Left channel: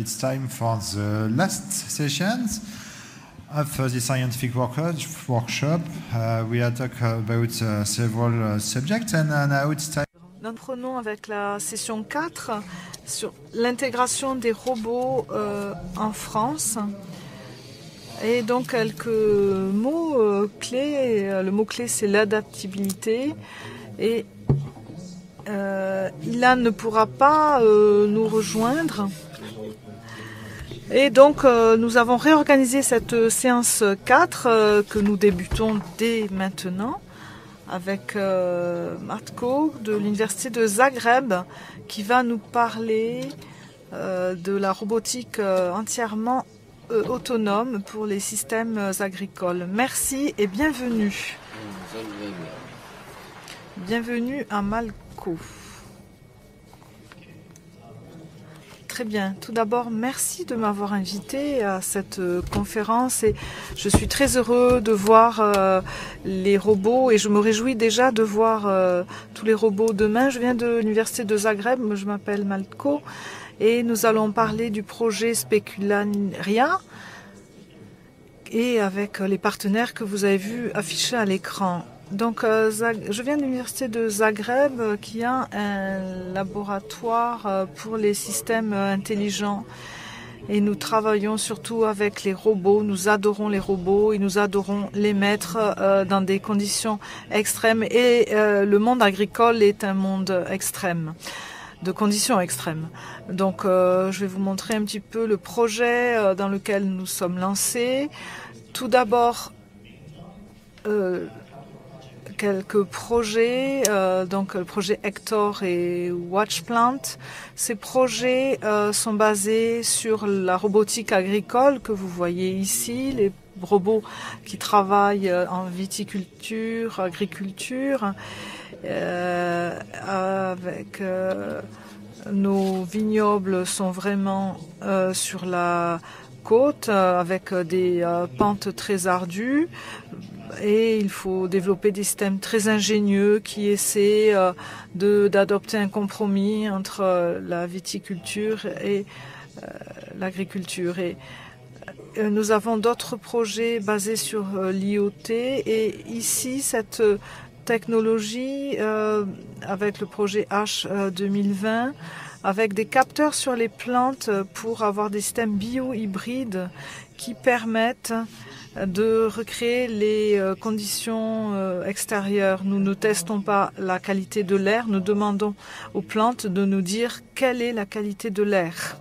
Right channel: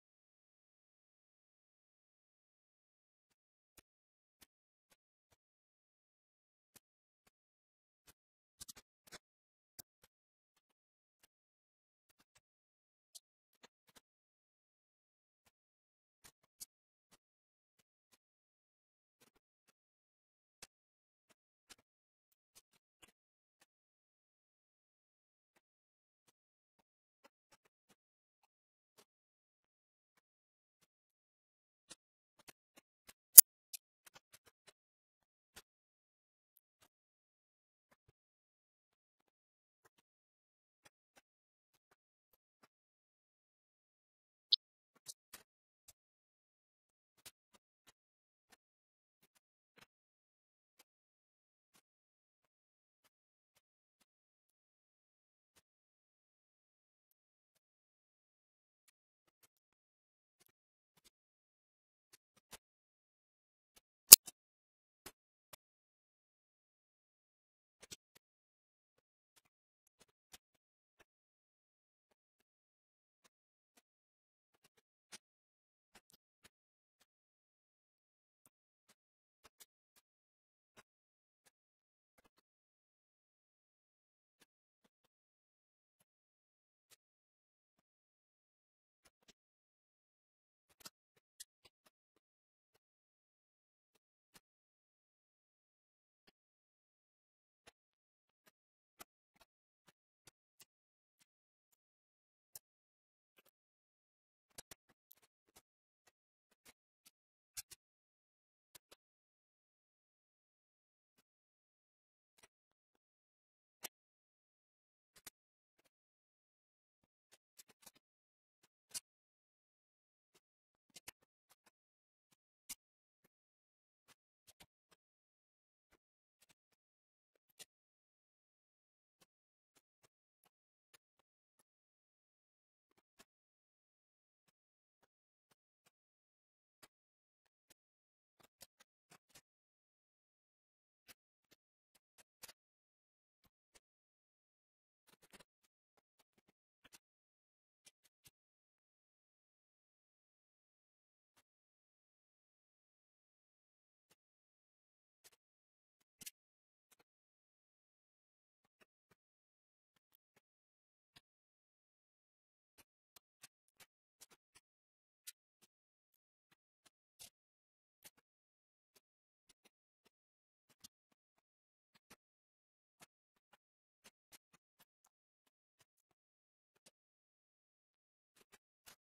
it's time for the last sessions of the scientific workshop. We are talking about several subjects, and now it's time. Nous prenons avec la session 4 sur l'intégration des robots en France. Et donc quelques mots clés. Le mot clé c'est l'adaptabilité. Et Ilan ne pourra pas nous rejoindre. Et donc nous avons réorganisé cette séance 4 que nous débutons dès maintenant avec Matko de l'université de Zagreb qui va nous parler de la robotique entièrement autonome pour les systèmes agricoles. Merci et bienvenue. Bienvenue à Malko. Très bien. Tout d'abord, merci de m'avoir invité à cette conférence et je suis très heureux de voir les robots et je me réjouis déjà de voir tous les robots demain. Je viens de l'université de Zagreb, je m'appelle Malko et nous allons parler du projet Specularia et avec les partenaires que vous avez vus affichés à l'écran. Donc, je viens de l'université de Zagreb qui a un laboratoire pour les systèmes intelligents et nous travaillons surtout avec les robots. Nous adorons les robots et nous adorons les mettre dans des conditions extrêmes et le monde agricole est un monde extrême, de conditions extrêmes. Donc, je vais vous montrer un petit peu le projet dans lequel nous sommes lancés. Tout d'abord, quelques projets, donc le projet Hector et Watchplant. Ces projets sont basés sur la robotique agricole que vous voyez ici, les robots qui travaillent en viticulture, agriculture, avec nos vignobles sont vraiment sur la côte avec des pentes très ardues. Et il faut développer des systèmes très ingénieux qui essaient d'adopter un compromis entre la viticulture et l'agriculture. Et nous avons d'autres projets basés sur l'IoT. Et ici, cette technologie, avec le projet H 2020, avec des capteurs sur les plantes pour avoir des systèmes bio-hybrides qui permettent de recréer les conditions extérieures. Nous ne testons pas la qualité de l'air, nous demandons aux plantes de nous dire quelle est la qualité de l'air.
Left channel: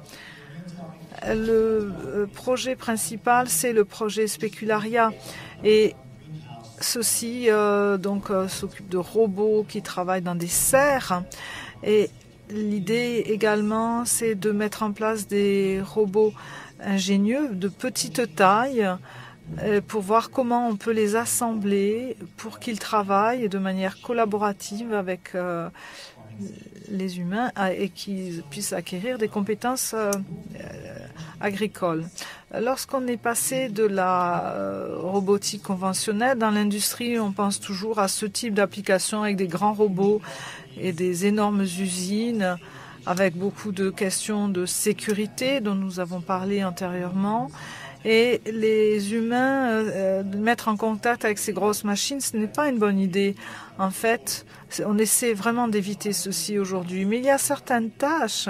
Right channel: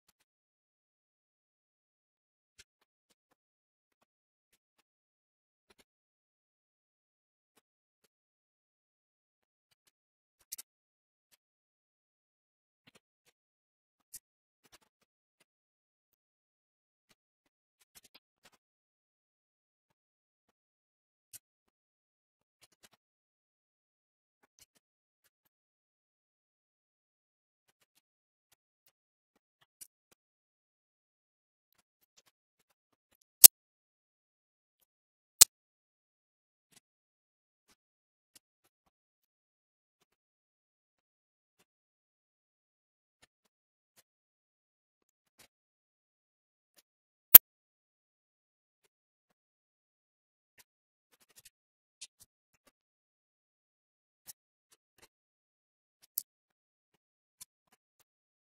Le projet principal, c'est le projet Specularia et ceci s'occupe de robots qui travaillent dans des serres et l'idée également, c'est de mettre en place des robots ingénieux de petite taille pour voir comment on peut les assembler pour qu'ils travaillent de manière collaborative avec les humains et qu'ils puissent acquérir des compétences agricoles. Lorsqu'on est passé de la robotique conventionnelle, dans l'industrie, on pense toujours à ce type d'application avec des grands robots et des énormes usines avec beaucoup de questions de sécurité dont nous avons parlé antérieurement. Et les humains, mettre en contact avec ces grosses machines, ce n'est pas une bonne idée. En fait, on essaie vraiment d'éviter ceci aujourd'hui. Mais il y a certaines tâches,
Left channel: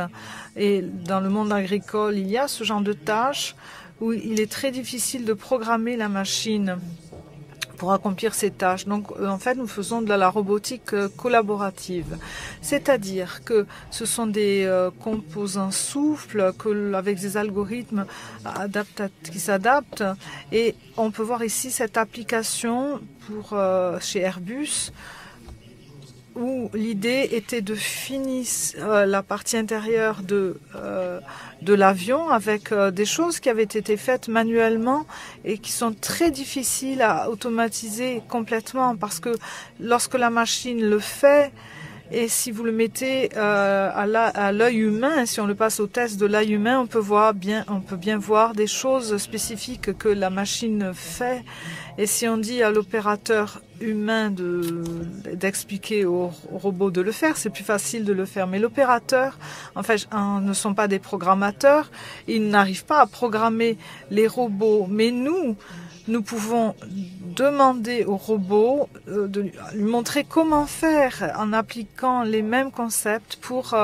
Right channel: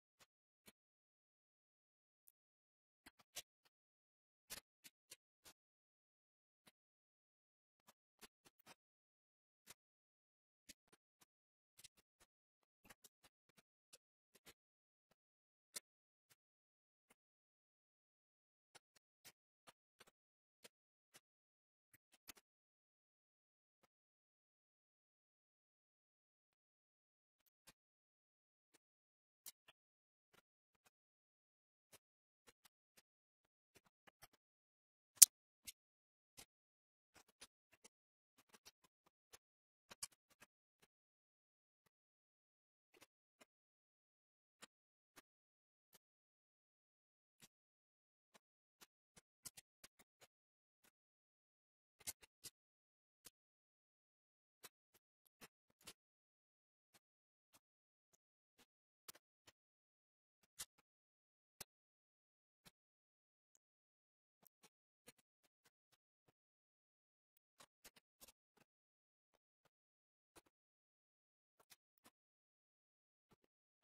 et dans le monde agricole, il y a ce genre de tâches où il est très difficile de programmer la machine pour accomplir ces tâches. Donc, en fait, nous faisons de la robotique collaborative. C'est-à-dire que ce sont des composants souples avec des algorithmes qui s'adaptent. Et on peut voir ici cette application pour chez Airbus où l'idée était de finir la partie intérieure de l'avion avec des choses qui avaient été faites manuellement et qui sont très difficiles à automatiser complètement parce que lorsque la machine le fait, Et si vous le mettez à l'œil humain, si on le passe au test de l'œil humain, on peut bien voir des choses spécifiques que la machine fait. Et si on dit à l'opérateur humain d'expliquer au robot de le faire, c'est plus facile de le faire. Mais l'opérateur, en fait, ne sont pas des programmateurs. Ils n'arrivent pas à programmer les robots. Mais nous pouvons demander au robot de lui montrer comment faire en appliquant les mêmes concepts pour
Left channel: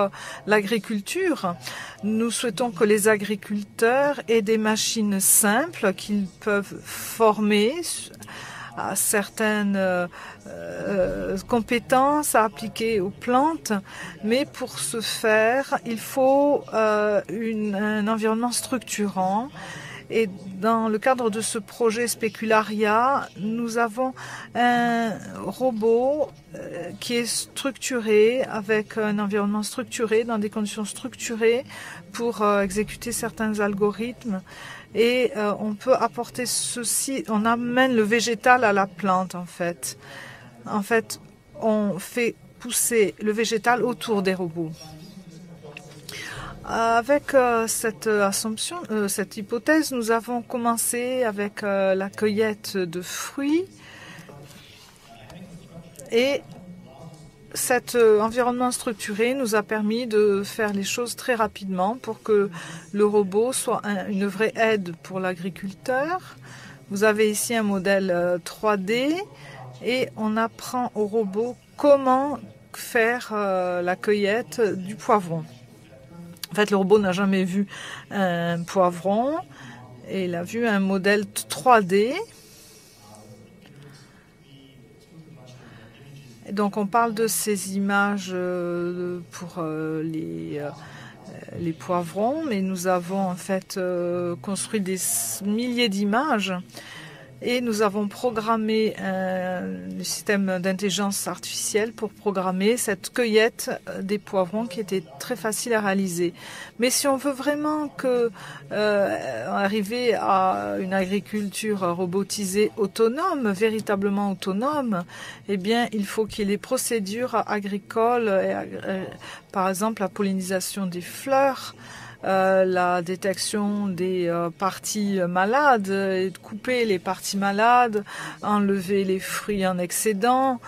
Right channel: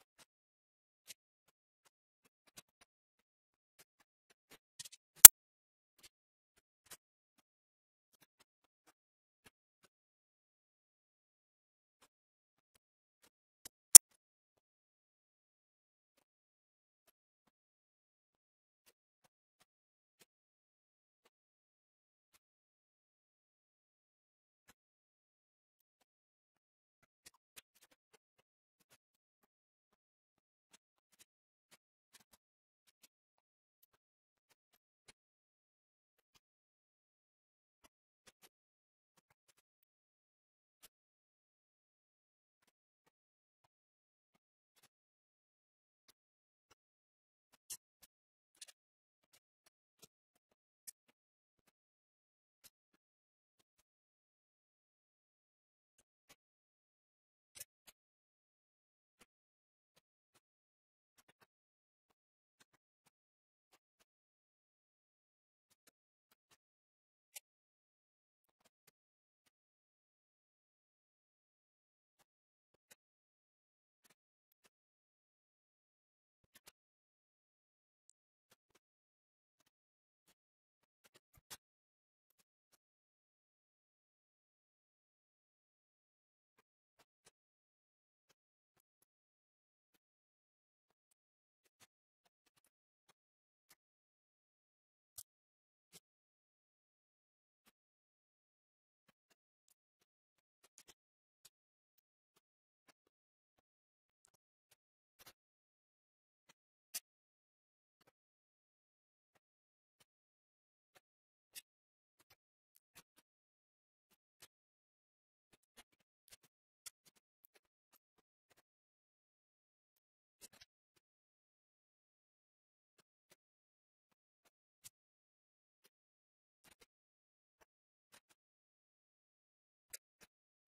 l'agriculture. Nous souhaitons que les agriculteurs aient des machines simples qu'ils peuvent former à certaines compétences à appliquer aux plantes, mais pour ce faire, il faut un environnement structurant. Et dans le cadre de ce projet Specularia, nous avons un robot qui est structuré, avec un environnement structuré, dans des conditions structurées pour exécuter certains algorithmes. Et on peut apporter ceci, on amène le végétal à la plante en fait. En fait, on fait pousser le végétal autour des robots. Avec cette assumption, cette hypothèse, nous avons commencé avec la cueillette de fruits et cet environnement structuré nous a permis de faire les choses très rapidement pour que le robot soit une vraie aide pour l'agriculteur. Vous avez ici un modèle 3D et on apprend au robot comment faire la cueillette du poivron. En fait, le robot n'a jamais vu un poivron et il a vu un modèle 3D. Et donc, on parle de ces images pour les poivrons, mais nous avons en fait construit des milliers d'images. Et nous avons programmé le système d'intelligence artificielle pour programmer cette cueillette des poivrons qui était très facile à réaliser. Mais si on veut vraiment arriver à une agriculture robotisée autonome, véritablement autonome, eh bien, il faut qu'il y ait des procédures agricoles, par exemple la pollinisation des fleurs, la détection des parties malades, et de couper les parties malades, enlever les fruits en excédent,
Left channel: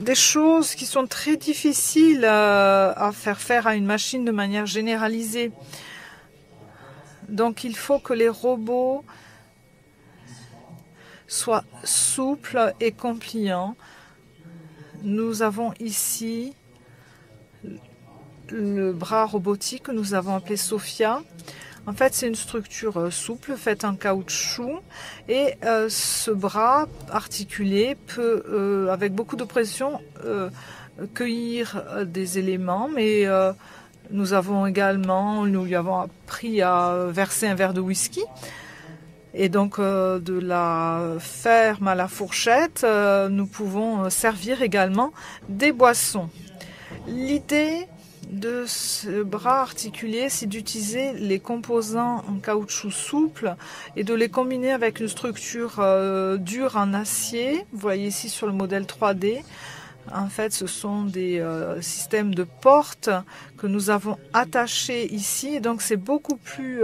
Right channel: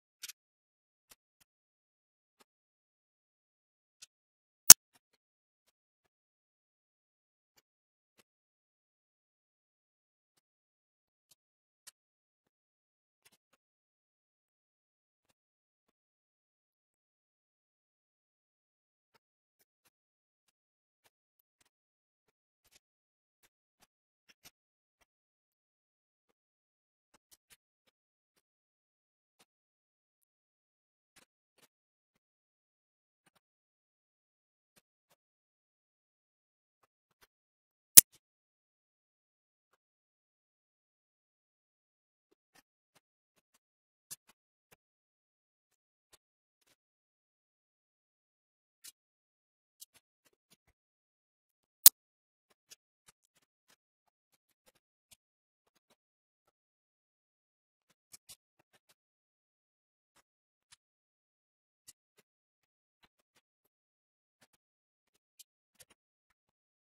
des choses qui sont très difficiles à faire à une machine de manière généralisée. Donc il faut que les robots soient souples et compliants. Nous avons ici le bras robotique que nous avons appelé Sophia. En fait, c'est une structure souple faite en caoutchouc et ce bras articulé peut, avec beaucoup de pression, cueillir des éléments, mais nous lui avons appris à verser un verre de whisky et donc de la ferme à la fourchette, nous pouvons servir également des boissons. L'idée de ce bras articulé, c'est d'utiliser les composants en caoutchouc souple et de les combiner avec une structure dure en acier. Vous voyez ici sur le modèle 3D. En fait, ce sont des systèmes de portes que nous avons attachés ici. Et donc, c'est beaucoup plus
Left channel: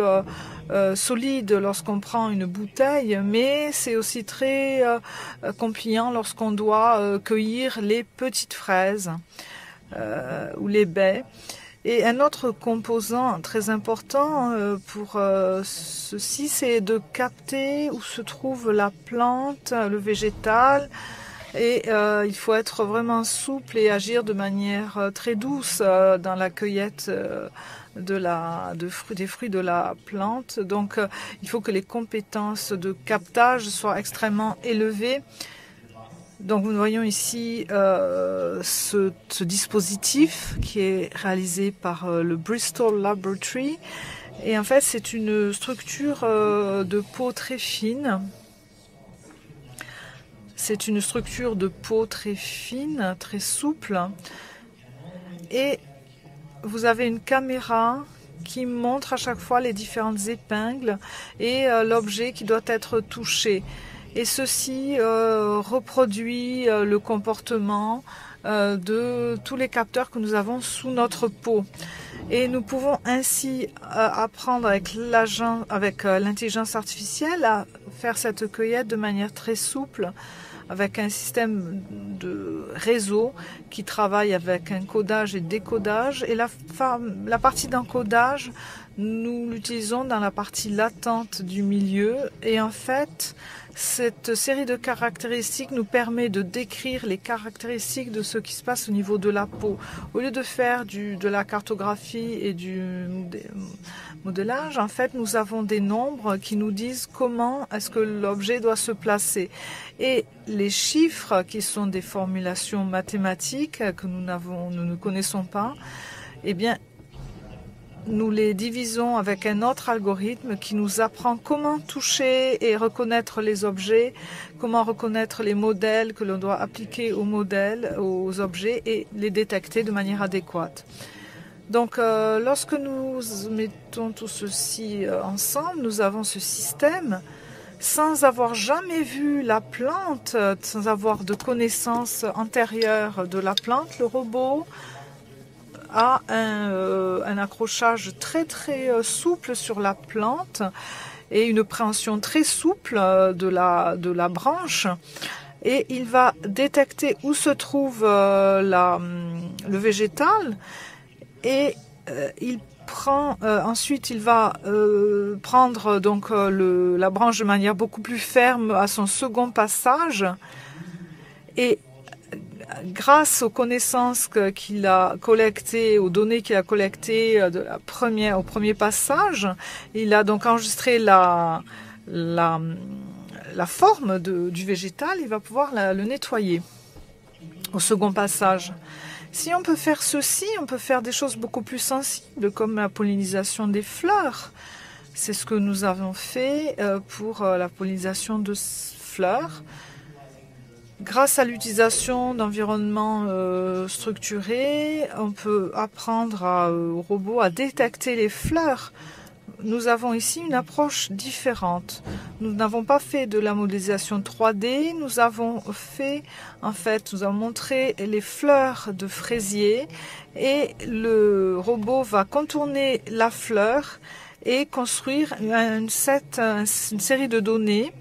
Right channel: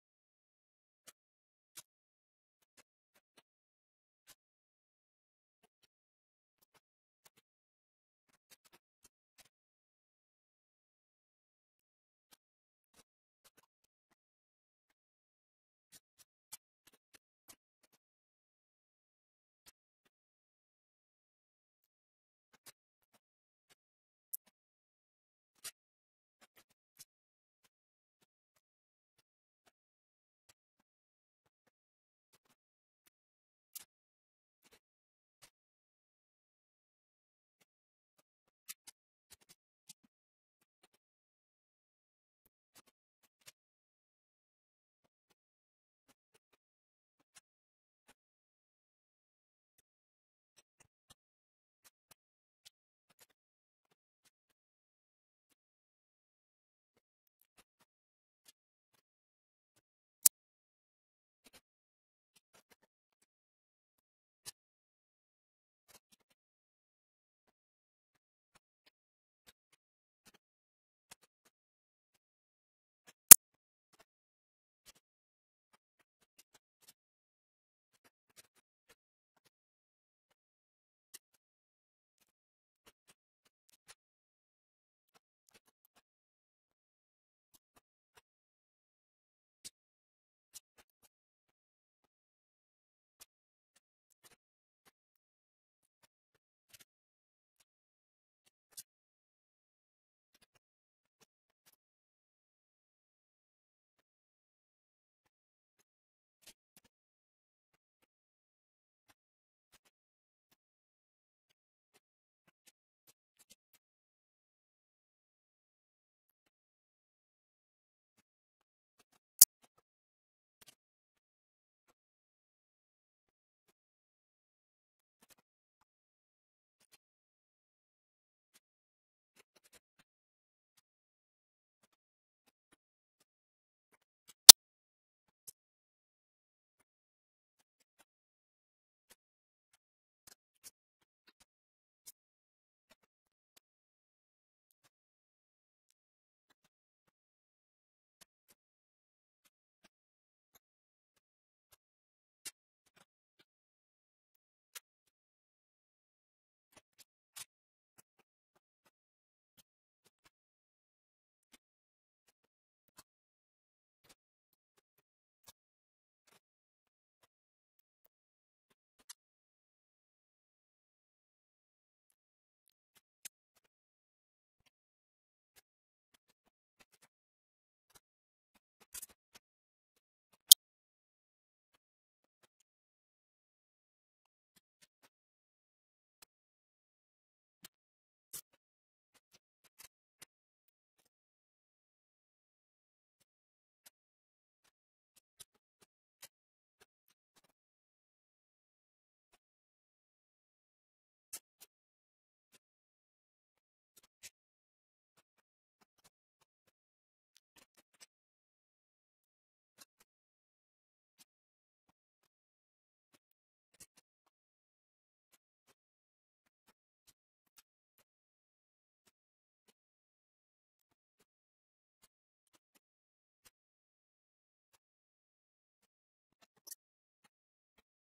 solide lorsqu'on prend une bouteille, mais c'est aussi très compliant lorsqu'on doit cueillir les petites fraises. Ou les baies. Et un autre composant très important pour ceci, c'est de capter où se trouve la plante, le végétal. Et il faut être vraiment souple et agir de manière très douce dans la cueillette des fruits de la plante. Donc il faut que les compétences de captage soient extrêmement élevées. Donc nous voyons ici ce dispositif qui est réalisé par le Bristol Laboratory. Et en fait, c'est une structure de peau très fine. C'est une structure de peau très fine, très souple. Et vous avez une caméra qui montre à chaque fois les différentes épingles et l'objet qui doit être touché. Et ceci reproduit le comportement de tous les capteurs que nous avons sous notre peau. Et nous pouvons ainsi apprendre avec l'intelligence artificielle à faire cette cueillette de manière très souple, avec un système de réseau qui travaille avec encodage et décodage. Et la partie d'encodage, nous l'utilisons dans la partie latente du milieu. Et en fait, cette série de caractéristiques nous permet de décrire les caractéristiques de ce qui se passe au niveau de la peau. Au lieu de faire de la cartographie et du modélage, en fait, nous avons des nombres qui nous disent comment est-ce que l'objet doit se placer. Et les chiffres, qui sont des formulations mathématiques que nous ne connaissons pas, eh bien, nous les divisons avec un autre algorithme qui nous apprend comment toucher et reconnaître les objets, comment reconnaître les modèles que l'on doit appliquer aux modèles, aux objets et les détecter de manière adéquate. Donc, lorsque nous mettons tout ceci ensemble, nous avons ce système sans avoir jamais vu la plante, sans avoir de connaissances antérieures de la plante. Le robot a un accrochage très souple sur la plante et une préhension très souple de la branche, et il va détecter où se trouve le végétal, et ensuite il va prendre donc la branche de manière beaucoup plus ferme à son second passage, et grâce aux connaissances qu'il a collectées, aux données qu'il a collectées au premier passage, il a donc enregistré la forme du végétal. Il va pouvoir le nettoyer au second passage. Si on peut faire ceci, on peut faire des choses beaucoup plus sensibles, comme la pollinisation des fleurs. C'est ce que nous avons fait pour la pollinisation de fleurs. Grâce à l'utilisation d'environnements structurés, on peut apprendre au robot à détecter les fleurs. Nous avons ici une approche différente. Nous n'avons pas fait de la modélisation 3D, nous avons montré les fleurs de fraisier, et le robot va contourner la fleur et construire une série de données.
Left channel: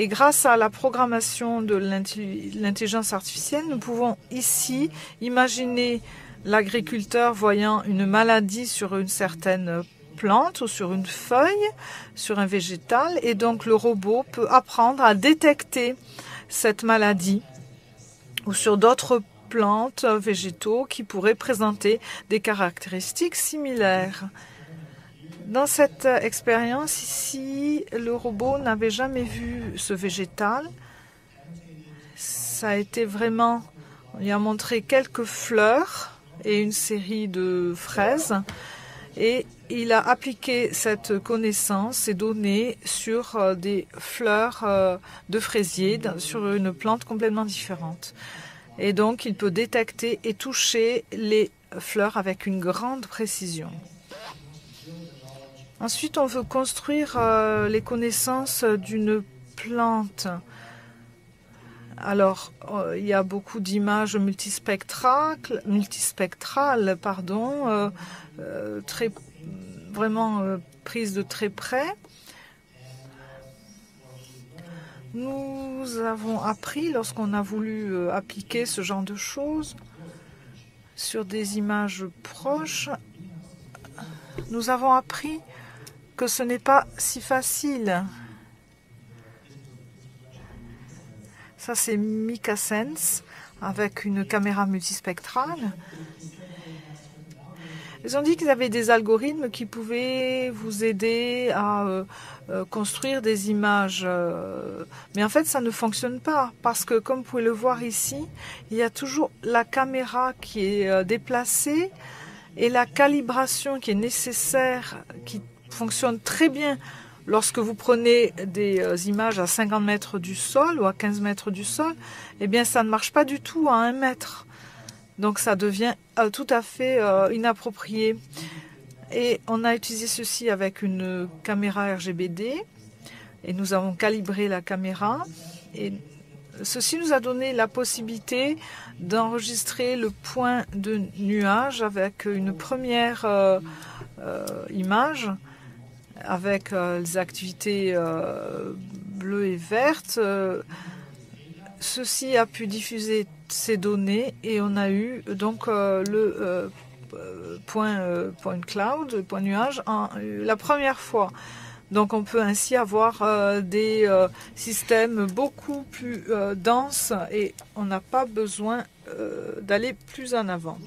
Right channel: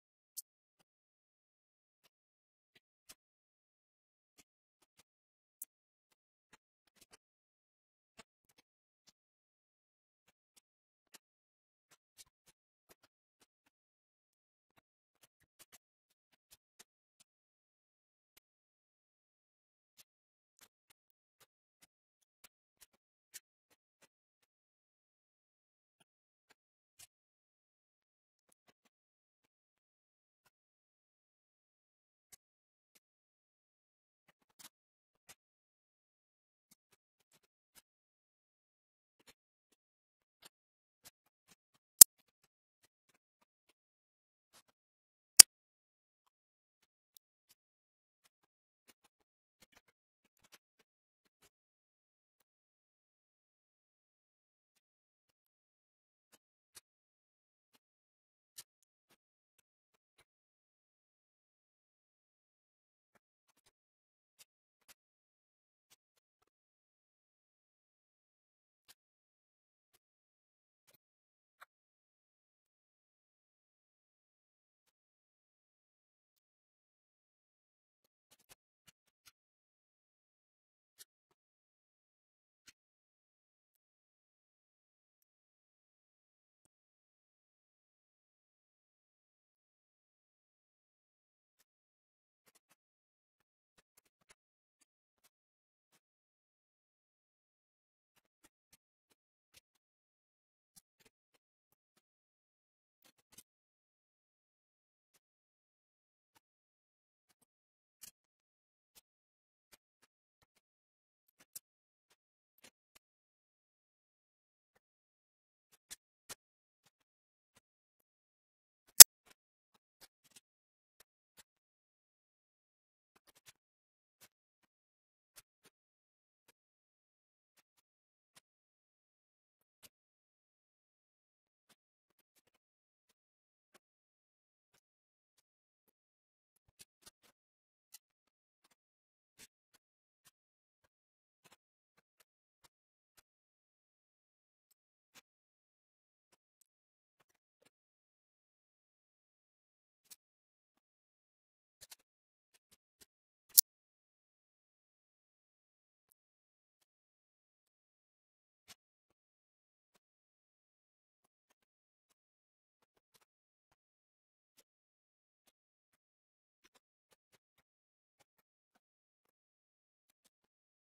Et grâce à la programmation de l'intelligence artificielle, nous pouvons ici imaginer l'agriculteur voyant une maladie sur une certaine plante ou sur une feuille, sur un végétal, et donc le robot peut apprendre à détecter cette maladie ou sur d'autres plantes, végétaux qui pourraient présenter des caractéristiques similaires. Dans cette expérience ici, le robot n'avait jamais vu ce végétal. Ça a été vraiment, on lui a montré quelques fleurs et une série de fraises, et il a appliqué cette connaissance, ces données, sur des fleurs de fraisier, sur une plante complètement différente. Et donc, il peut détecter et toucher les fleurs avec une grande précision. Ensuite, on veut construire les connaissances d'une plante. Alors, il y a beaucoup d'images multispectrales, vraiment prises de très près. Nous avons appris, lorsqu'on a voulu appliquer ce genre de choses sur des images proches, nous avons appris que ce n'est pas si facile. Ça, c'est MikaSense avec une caméra multispectrale. Ils ont dit qu'ils avaient des algorithmes qui pouvaient vous aider à construire des images. Mais en fait, ça ne fonctionne pas parce que, comme vous pouvez le voir ici, il y a toujours la caméra qui est déplacée et la calibration qui est nécessaire, qui fonctionne très bien lorsque vous prenez des images à 50 mètres du sol ou à 15 mètres du sol. Eh bien, ça ne marche pas du tout à 1 mètre. Donc, ça devient tout à fait inapproprié. Et on a utilisé ceci avec une caméra RGBD. Et nous avons calibré la caméra. Et Ceci nous a donné la possibilité d'enregistrer le point de nuage avec une première image, avec les activités bleues et vertes. Ceci a pu diffuser ces données et on a eu donc le point cloud, le point nuage, la première fois. Donc on peut ainsi avoir des systèmes beaucoup plus denses et on n'a pas besoin d'aller plus en avant.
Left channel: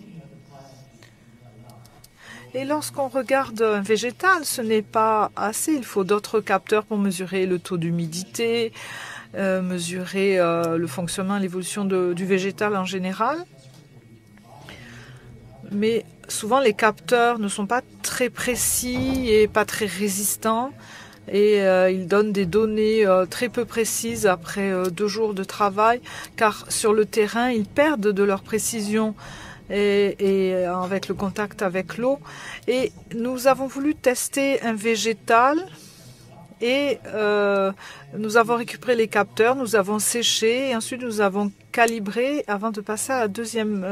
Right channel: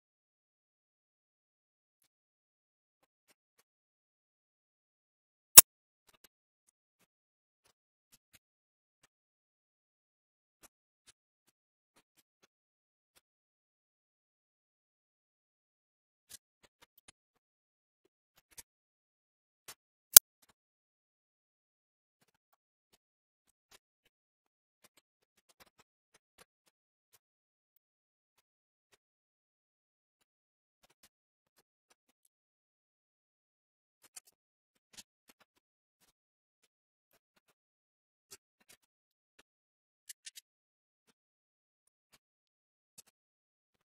Et lorsqu'on regarde un végétal, ce n'est pas assez. Il faut d'autres capteurs pour mesurer le taux d'humidité, mesurer le fonctionnement, l'évolution du végétal en général. Mais souvent, les capteurs ne sont pas très précis et pas très résistants. Et ils donnent des données très peu précises après 2 jours de travail, car sur le terrain, ils perdent de leur précision et avec le contact avec l'eau. Et nous avons voulu tester un végétal et nous avons récupéré les capteurs, nous avons séché et ensuite nous avons calibré avant de passer à la deuxième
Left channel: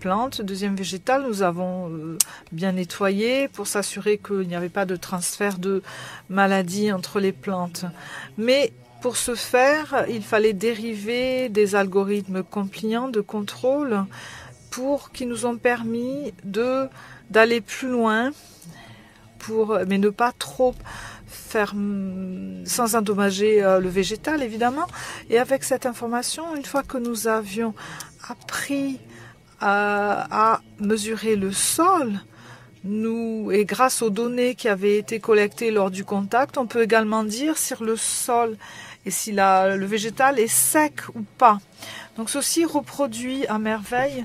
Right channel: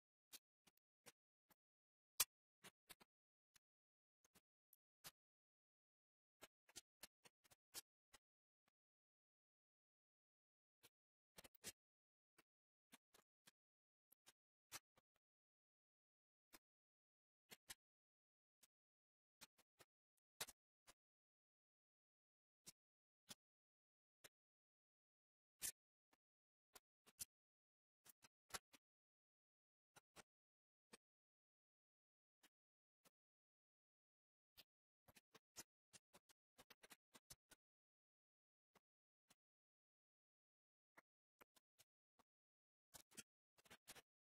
plante, deuxième végétal. Nous avons bien nettoyé pour s'assurer qu'il n'y avait pas de transfert de maladies entre les plantes. Mais pour ce faire, il fallait dériver des algorithmes compliants de contrôle qui nous ont permis d'aller plus loin, mais ne pas trop faire sans endommager le végétal, évidemment. Et avec cette information, une fois que nous avions appris à mesurer le sol, et grâce aux données qui avaient été collectées lors du contact, on peut également dire si le sol et si le végétal est sec ou pas. Donc ceci reproduit à merveille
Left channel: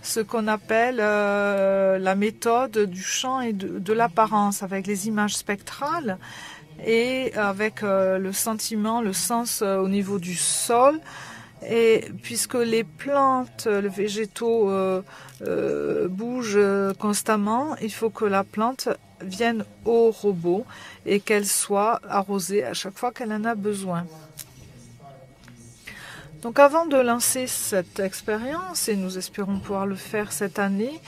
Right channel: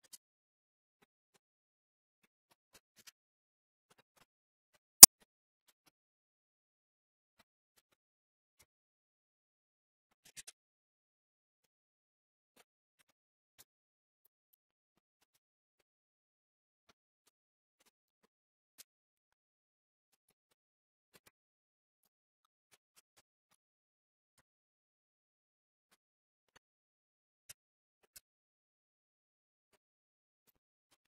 ce qu'on appelle la méthode du champ et de l'apparence, avec les images spectrales et avec le sentiment, le sens au niveau du sol. Et puisque les plantes, les végétaux bougent constamment, il faut que la plante vienne au robot et qu'elle soit arrosée à chaque fois qu'elle en a besoin. Donc avant de lancer cette expérience, et nous espérons pouvoir le faire cette année,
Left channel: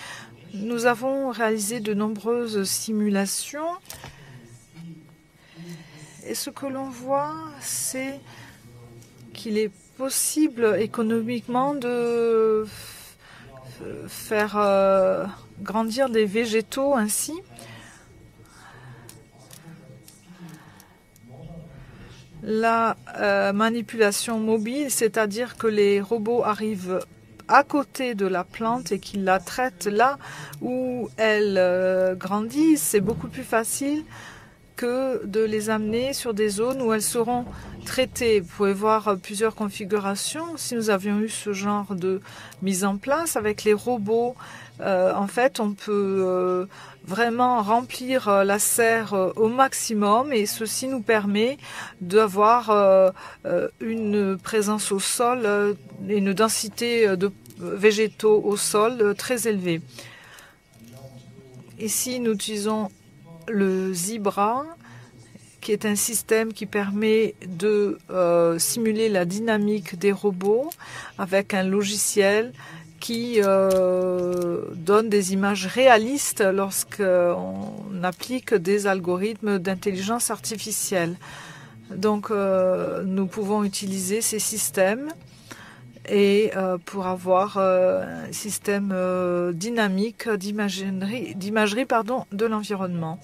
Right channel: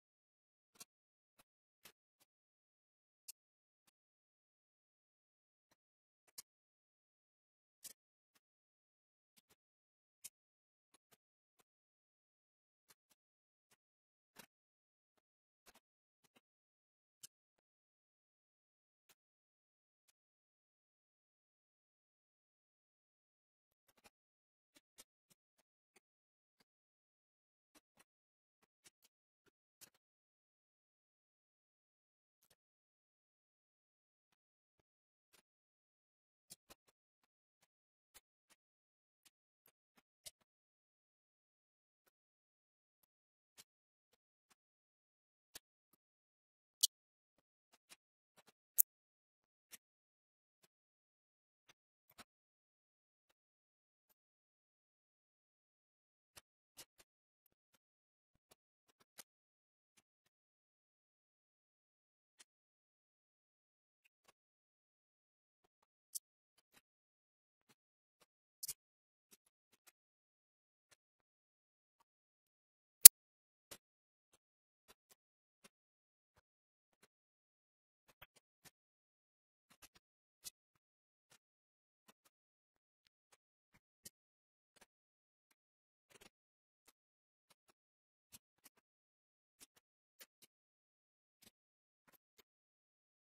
nous avons réalisé de nombreuses simulations. Et ce que l'on voit, c'est qu'il est possible économiquement de faire grandir des végétaux ainsi. La manipulation mobile, c'est-à-dire que les robots arrivent à côté de la plante et qu'ils la traitent là où elle grandit, c'est beaucoup plus facile que de les amener sur des zones où elles seront traitées. Vous pouvez voir plusieurs configurations. Si nous avions eu ce genre de mise en place avec les robots, en fait, on peut vraiment remplir la serre au maximum et ceci nous permet d'avoir une présence au sol et une densité de végétaux au sol très élevée. Ici, nous utilisons le Zebra, qui est un système qui permet de simuler la dynamique des robots avec un logiciel qui donne des images réalistes lorsqu'on applique des algorithmes d'intelligence artificielle. Donc, nous pouvons utiliser ces systèmes et pour avoir un système dynamique d'imagerie de l'environnement.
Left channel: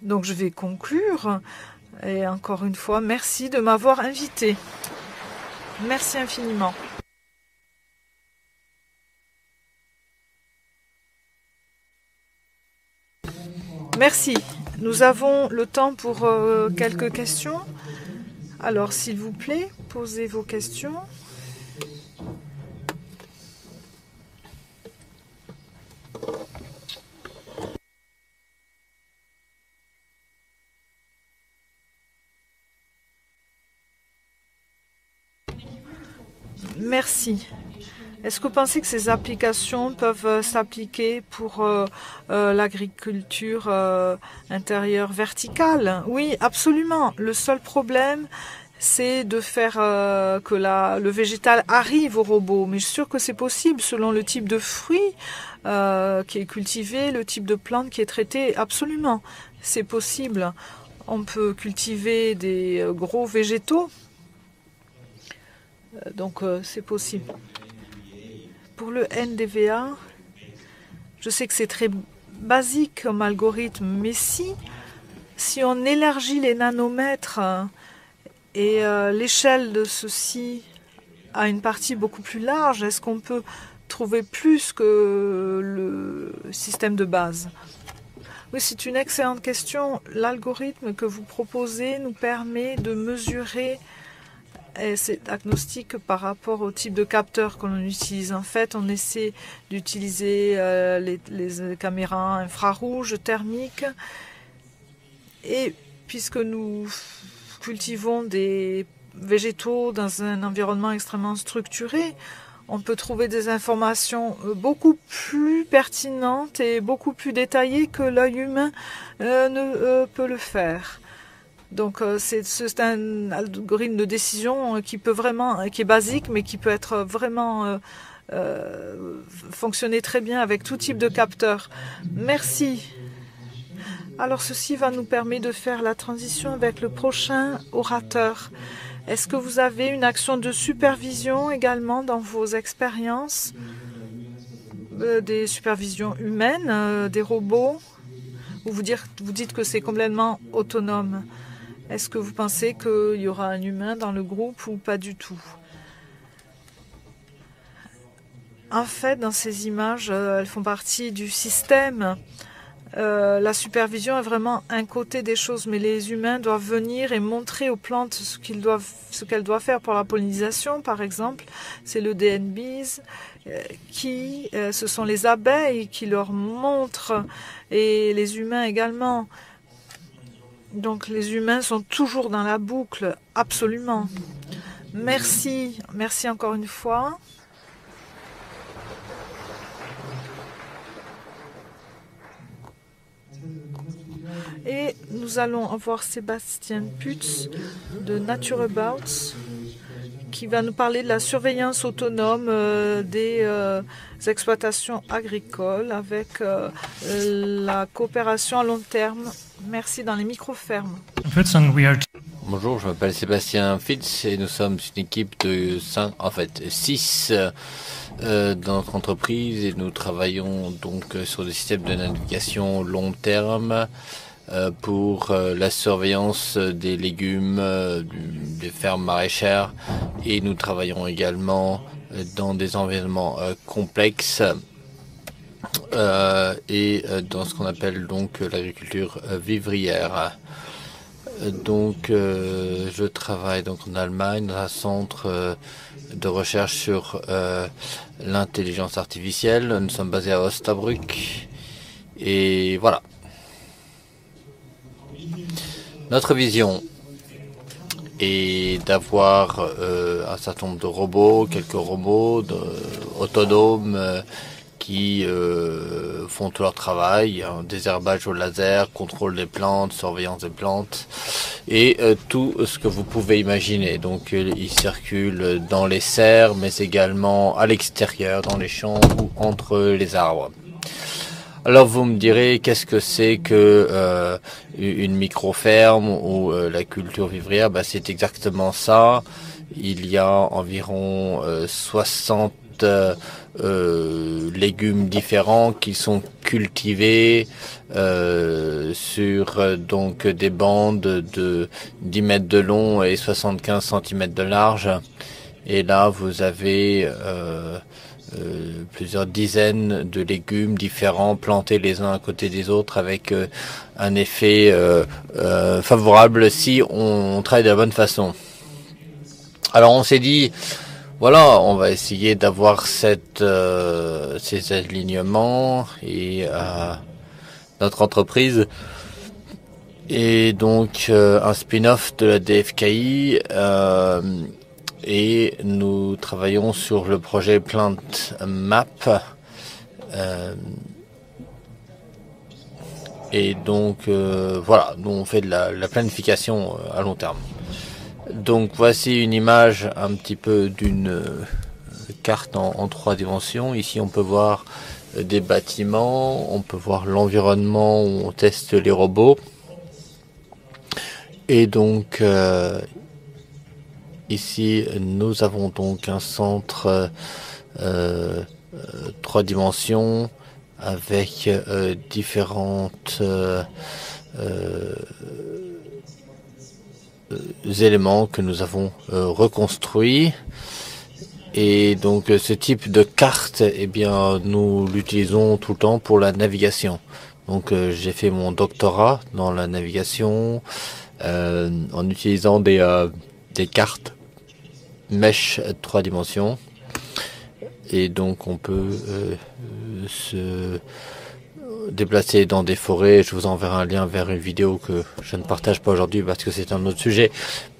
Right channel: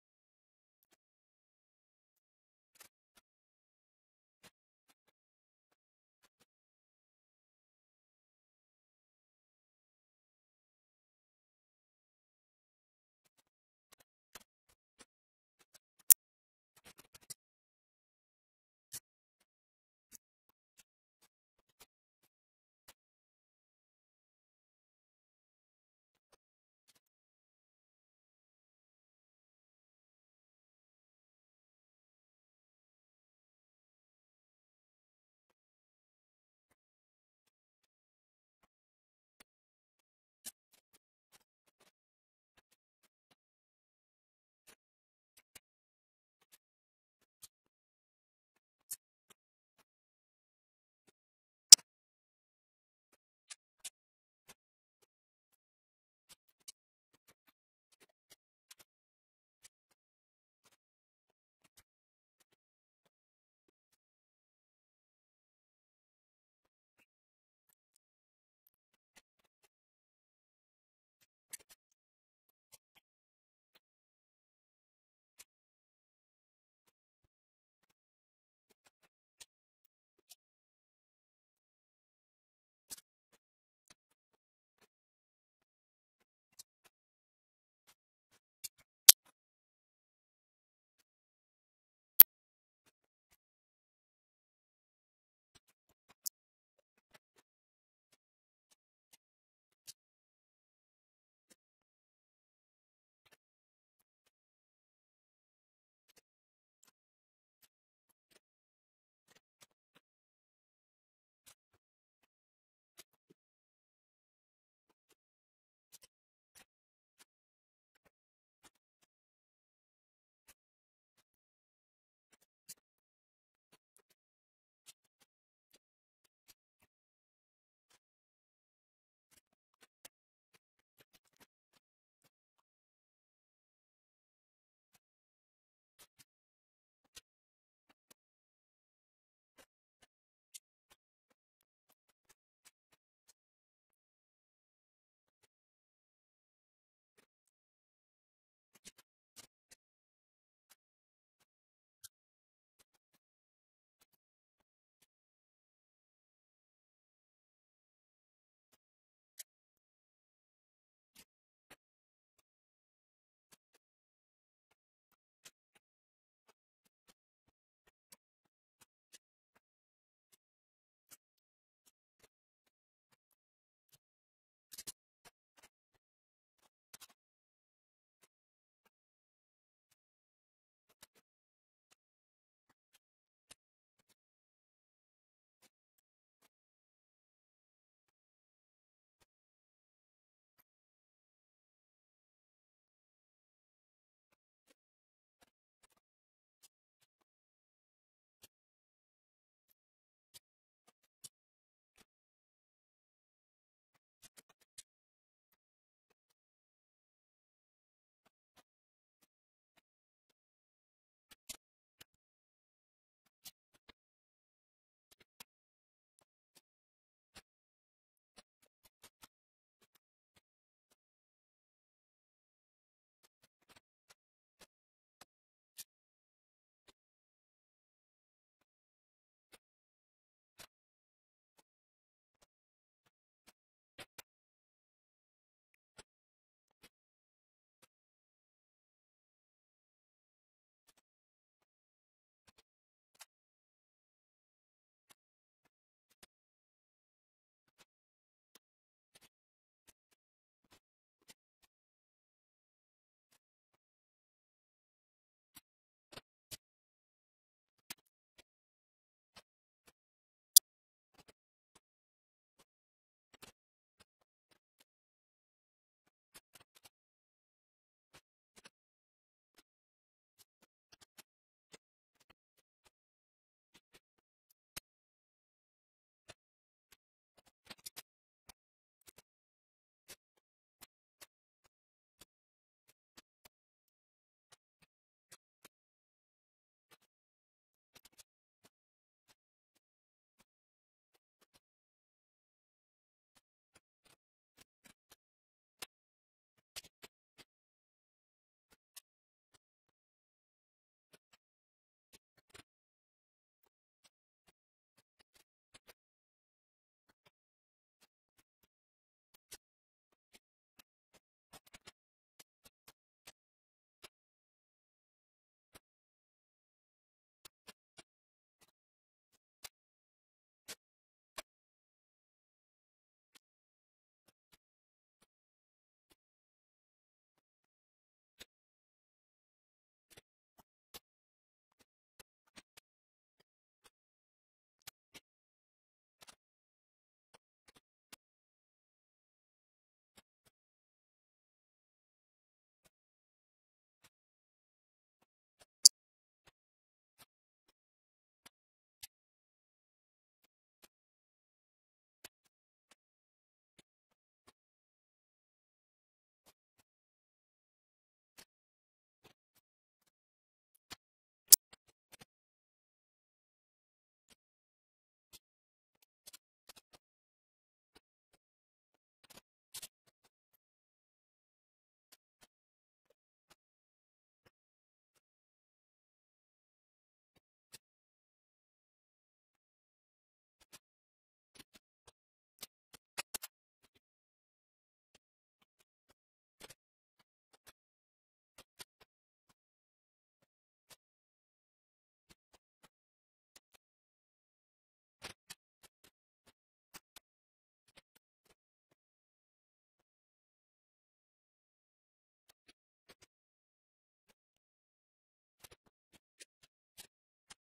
Donc, je vais conclure. Et encore une fois, merci de m'avoir invité. Merci infiniment. Merci. Nous avons le temps pour quelques questions. Alors, s'il vous plaît, posez vos questions. Merci. Est-ce que vous pensez que ces applications peuvent s'appliquer pour l'agriculture intérieure verticale? Oui, absolument. Le seul problème, c'est de faire que le végétal arrive au robot. Mais je suis sûre que c'est possible selon le type de fruit qui est cultivé, le type de plante qui est traité. Absolument, c'est possible. On peut cultiver des gros végétaux. Donc c'est possible. Pour le NDVA, je sais que c'est très basique comme algorithme, mais si on élargit les nanomètres et l'échelle de ceci à une partie beaucoup plus large, est-ce qu'on peut trouver plus que le système de base? Oui, c'est une excellente question. L'algorithme que vous proposez nous permet de mesurer cet agnostic par rapport au type de capteur que l'on utilise. En fait, on essaie d'utiliser les caméras infrarouges, thermiques. Et puisque nous cultivons des végétaux dans un environnement extrêmement structuré, on peut trouver des informations beaucoup plus pertinentes et beaucoup plus détaillées que l'œil humain ne peut le faire. Donc c'est un algorithme de décision qui est basique, mais qui peut être vraiment fonctionner très bien avec tout type de capteur. Merci. Alors ceci va nous permettre de faire la transition avec le prochain orateur. Est-ce que vous avez une action de supervision également dans vos expériences, des supervisions humaines, des robots, ou vous dites que c'est complètement autonome? Est-ce que vous pensez qu'il y aura un humain dans le groupe ou pas du tout? En fait, dans ces images, elles font partie du système. La supervision est vraiment un côté des choses, mais les humains doivent venir et montrer aux plantes ce qu'elles doivent faire pour la pollinisation, par exemple. C'est le DNBs ce sont les abeilles qui leur montrent, et les humains également. Donc les humains sont toujours dans la boucle, absolument. Merci, merci encore une fois. Et nous allons avoir Sébastien Putz de NatureAbout qui va nous parler de la surveillance autonome des exploitations agricoles avec la coopération à long terme. Merci, dans les micro-fermes. Bonjour, je m'appelle Sébastien Fitz et nous sommes une équipe de 6 dans notre entreprise, et nous travaillons donc sur des systèmes de navigation long terme pour la surveillance des légumes des fermes maraîchères, et nous travaillons également dans des environnements complexes et dans ce qu'on appelle donc l'agriculture vivrière. Donc je travaille donc en Allemagne dans un centre de recherche sur l'intelligence artificielle. Nous sommes basés à Osnabrück et voilà. Notre vision est d'avoir un certain nombre de robots, quelques robots autonomes qui font tout leur travail, désherbage au laser, contrôle des plantes, surveillance des plantes et tout ce que vous pouvez imaginer. Donc ils circulent dans les serres, mais également à l'extérieur, dans les champs ou entre les arbres. Alors vous me direz, qu'est-ce que c'est que une micro-ferme ou la culture vivrière? C'est exactement ça. Il y a environ 60 légumes différents qui sont cultivés sur donc des bandes de 10 mètres de long et 75 cm de large. Et là, vous avez plusieurs dizaines de légumes différents plantés les uns à côté des autres avec un effet favorable si on travaille de la bonne façon. Alors on s'est dit, voilà, on va essayer d'avoir ces alignements, et notre entreprise est donc un spin-off de la DFKI et nous travaillons sur le projet Plant Map et donc voilà, nous on fait de la planification à long terme. Donc voici une image un petit peu d'une carte en 3 dimensions. Ici on peut voir des bâtiments, on peut voir l'environnement où on teste les robots. Et donc ici nous avons donc un centre 3 dimensions avec différentes éléments que nous avons reconstruits. Et donc ce type de carte, eh bien, nous l'utilisons tout le temps pour la navigation. Donc j'ai fait mon doctorat dans la navigation en utilisant des cartes mesh 3 dimensions. Et donc on peut se déplacer dans des forêts. Je vous enverrai un lien vers une vidéo que je ne partage pas aujourd'hui parce que c'est un autre sujet.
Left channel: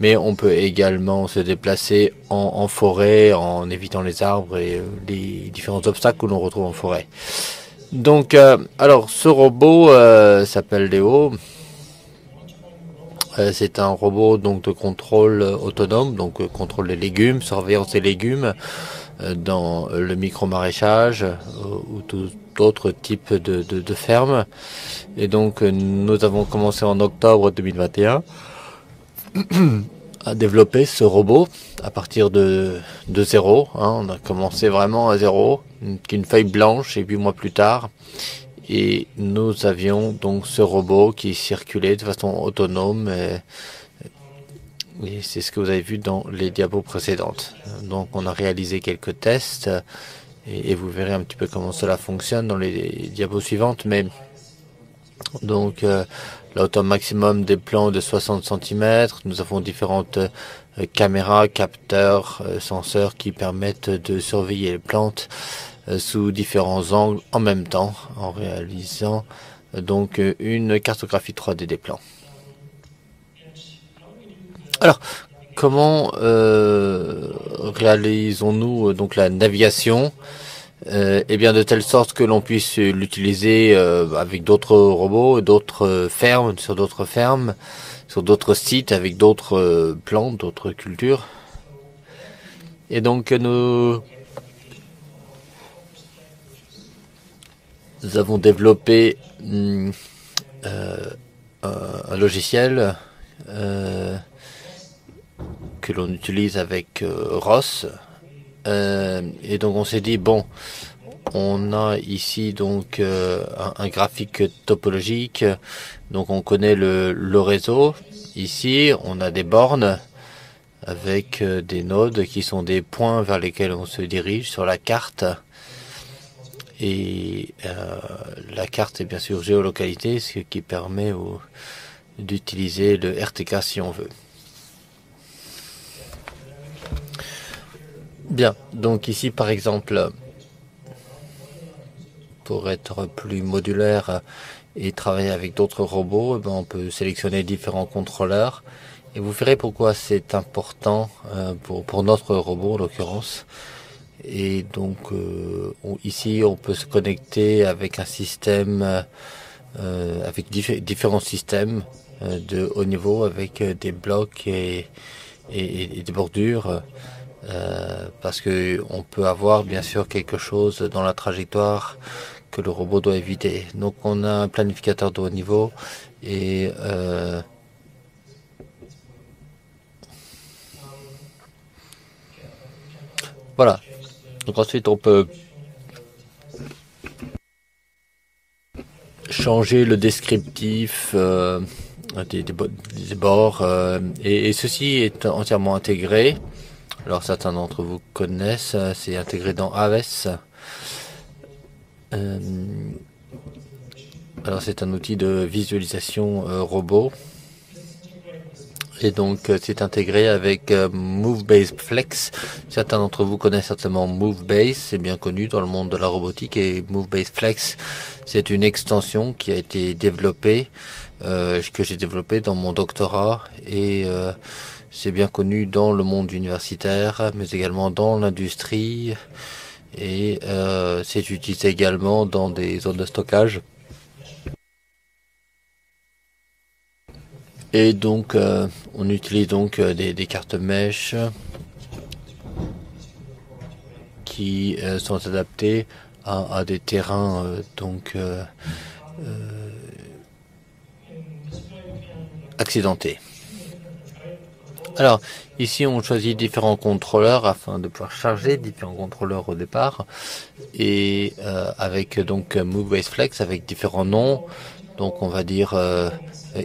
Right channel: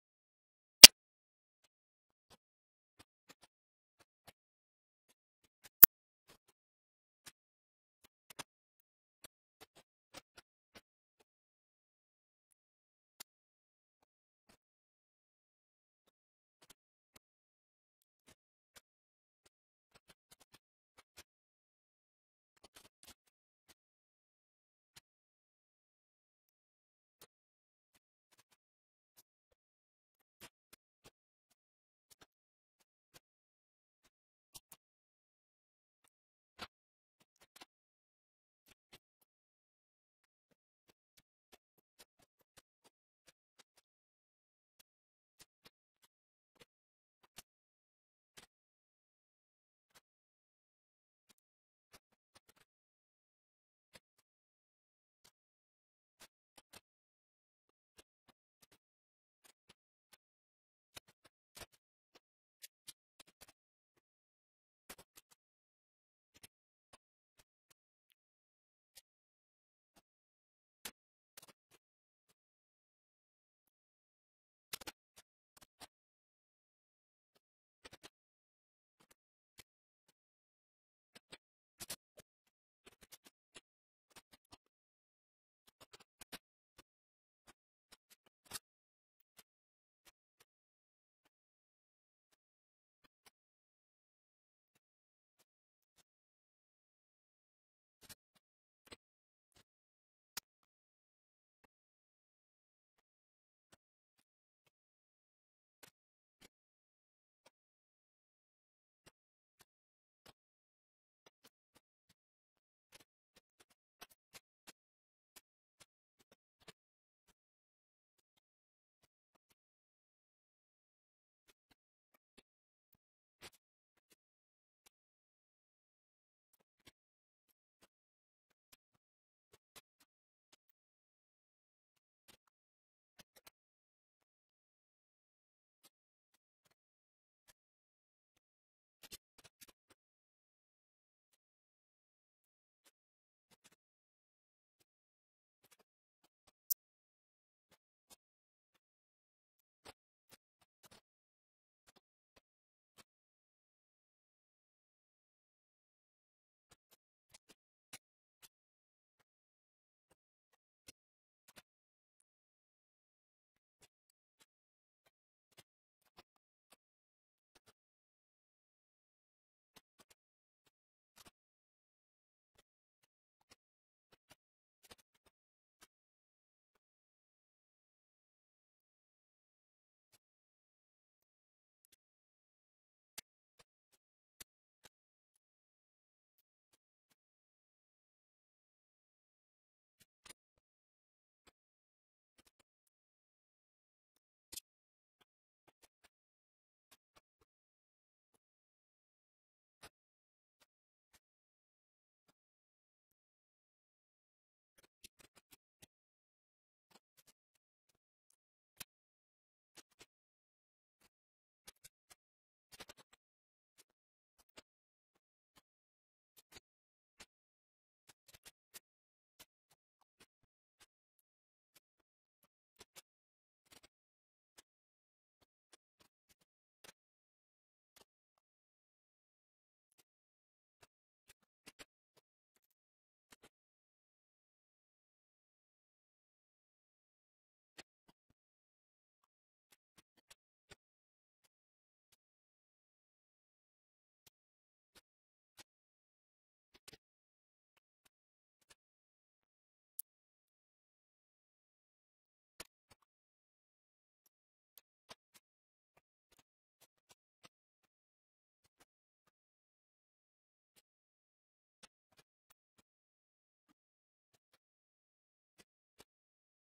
Mais on peut également se déplacer en forêt en évitant les arbres et les différents obstacles que l'on retrouve en forêt. Donc, alors ce robot s'appelle Léo. C'est un robot donc de contrôle autonome, donc contrôle des légumes, surveillance des légumes dans le micro-maraîchage ou tout autre type de ferme. Et donc nous avons commencé en octobre 2021 à développer ce robot à partir de zéro. On a commencé vraiment à zéro, qu'une feuille blanche, et 8 mois plus tard. Et nous avions donc ce robot qui circulait de façon autonome. Et c'est ce que vous avez vu dans les diapos précédentes. Donc on a réalisé quelques tests et vous verrez un petit peu comment cela fonctionne dans les diapos suivantes. Mais donc la hauteur maximum des plants de 60 cm. Nous avons différentes caméras, capteurs, senseurs qui permettent de surveiller les plantes sous différents angles en même temps en réalisant donc une cartographie 3D des plants. Alors, comment réalisons-nous donc la navigation eh bien, de telle sorte que l'on puisse l'utiliser avec d'autres robots, d'autres fermes, sur d'autres sites, avec d'autres plantes, d'autres cultures. Et donc, nous avons développé un logiciel que l'on utilise avec ROS. Et donc on s'est dit, bon, on a ici donc un graphique topologique, donc on connaît le réseau. Ici, on a des bornes avec des nodes qui sont des points vers lesquels on se dirige sur la carte. Et la carte est bien sûr géolocalisée, ce qui permet d'utiliser le RTK si on veut. Bien, donc ici par exemple, pour être plus modulaire et travailler avec d'autres robots, on peut sélectionner différents contrôleurs. Et vous verrez pourquoi c'est important pour notre robot en l'occurrence. Et donc ici on peut se connecter avec un système, avec différents systèmes de haut niveau avec des blocs et des bordures. Parce qu'on peut avoir bien sûr quelque chose dans la trajectoire que le robot doit éviter. Donc on a un planificateur de haut niveau et voilà. Donc ensuite on peut changer le descriptif des bords et ceci est entièrement intégré. Alors certains d'entre vous connaissent, c'est intégré dans Aves. Alors c'est un outil de visualisation robot. Et donc c'est intégré avec MoveBase Flex. Certains d'entre vous connaissent certainement MoveBase, c'est bien connu dans le monde de la robotique. Et MoveBase Flex, c'est une extension qui a été développée, que j'ai développée dans mon doctorat. Et c'est bien connu dans le monde universitaire, mais également dans l'industrie. Et c'est utilisé également dans des zones de stockage. Et donc, on utilise donc des cartes mèches qui sont adaptées à des terrains accidentés. Alors, ici, on choisit différents contrôleurs afin de pouvoir charger différents contrôleurs au départ. Et avec donc MoveWays Flex avec différents noms. Donc, on va dire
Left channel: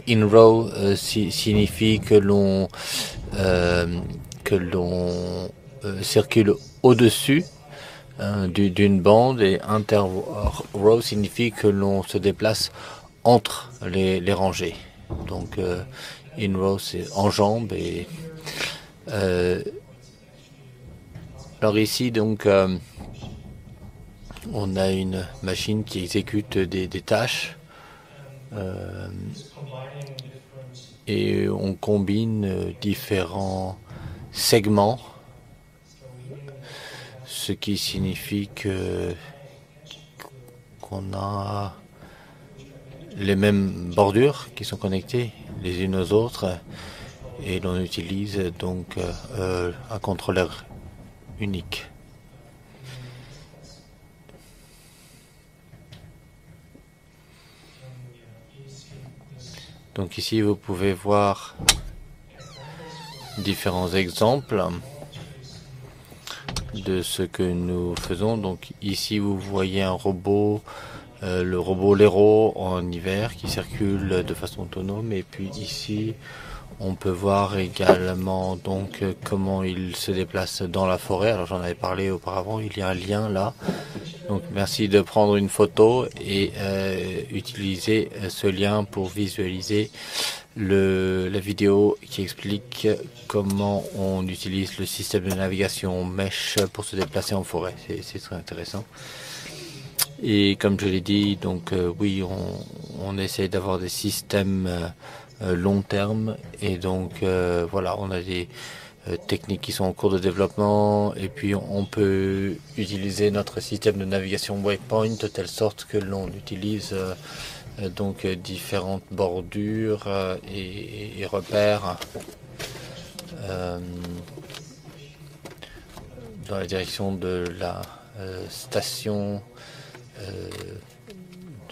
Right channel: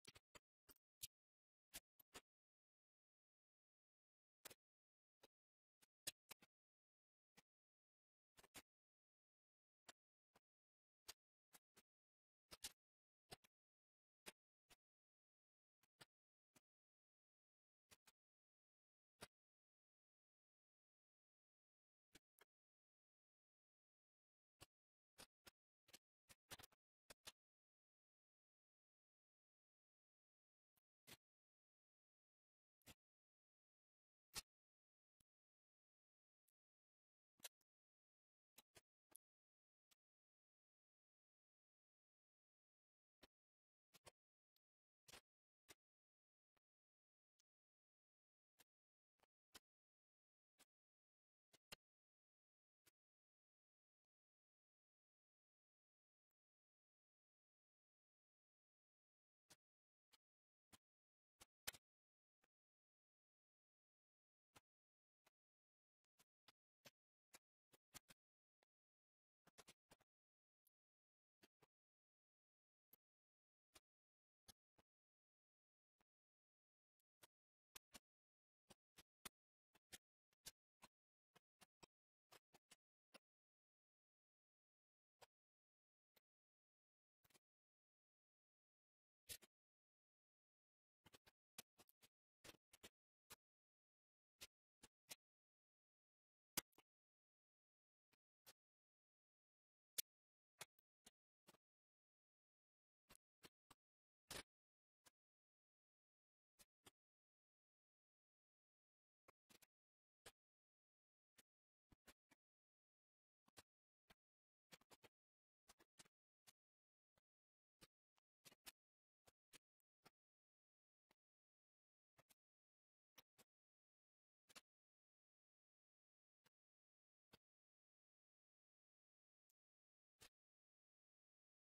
in-row signifie que l'on circule au-dessus d'une bande, et inter-row signifie que l'on se déplace entre les rangées. Donc, in-row, c'est en jambes. Et alors ici, donc, on a une machine qui exécute des tâches et on combine différents segments, ce qui signifie qu'on a les mêmes bordures qui sont connectées les unes aux autres, et l'on utilise donc un contrôleur unique. Donc ici, vous pouvez voir différents exemples de ce que nous faisons. Donc ici, vous voyez un robot, le robot Lero en hiver qui circule de façon autonome. Et puis ici, on peut voir également donc comment il se déplace dans la forêt. Alors j'en avais parlé auparavant, il y a un lien là. Donc merci de prendre une photo et utiliser ce lien pour visualiser la vidéo qui explique comment on utilise le système de navigation Mesh pour se déplacer en forêt. C'est très intéressant. Et comme je l'ai dit, donc oui, on essaie d'avoir des systèmes long terme, et donc voilà, on a des techniques qui sont en cours de développement, et puis on peut utiliser notre système de navigation Waypoint de telle sorte que l'on utilise donc différentes bordures et repères dans la direction de la station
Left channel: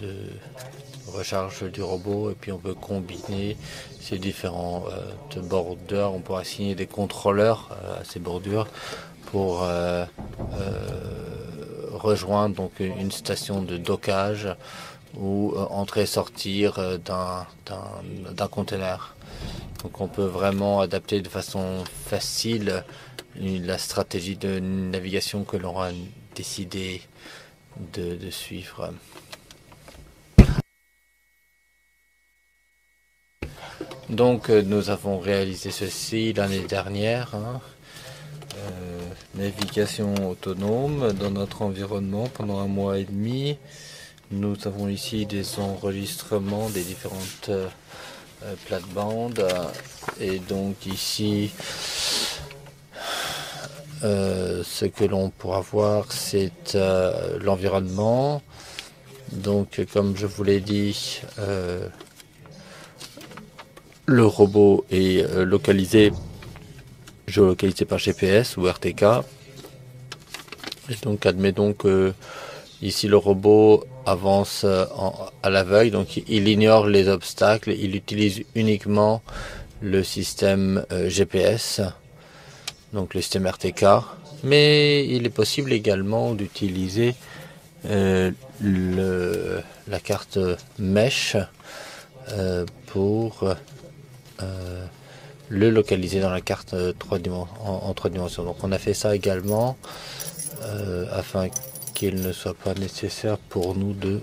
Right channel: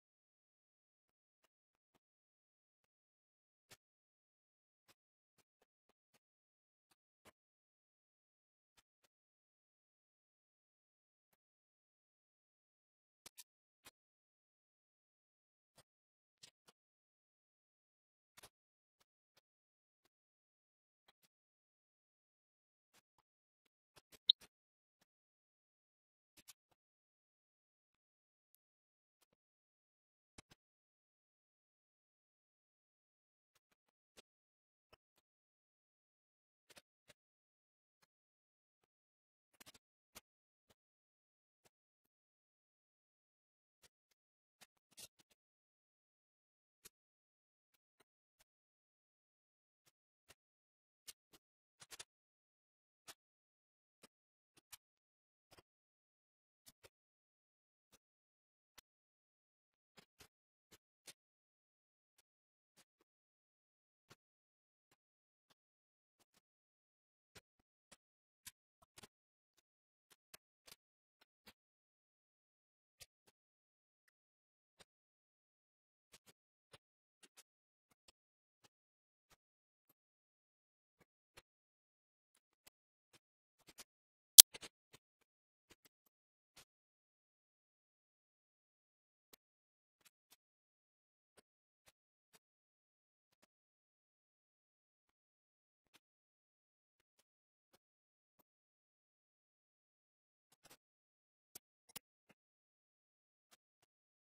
de recharge du robot, et puis on peut combiner ces différents bordures. On peut assigner des contrôleurs à ces bordures pour rejoindre donc une station de dockage ou entrer et sortir d'un conteneur. Donc on peut vraiment adapter de façon facile la stratégie de navigation que l'on aura décidé de suivre. Donc nous avons réalisé ceci l'année dernière, navigation autonome dans notre environnement pendant 1 mois et demi. Nous avons ici des enregistrements des différentes plates-bandes, et donc ici ce que l'on pourra voir, c'est l'environnement. Donc comme je vous l'ai dit, le robot est géolocalisé par GPS ou RTK. Et donc admettons que ici le robot avance à l'aveugle, donc il ignore les obstacles, il utilise uniquement le système GPS, donc le système RTK. Mais il est possible également d'utiliser la carte Mesh pour le localiser dans la carte en 3 dimensions. Donc on a fait ça également afin qu'il ne soit pas nécessaire pour nous de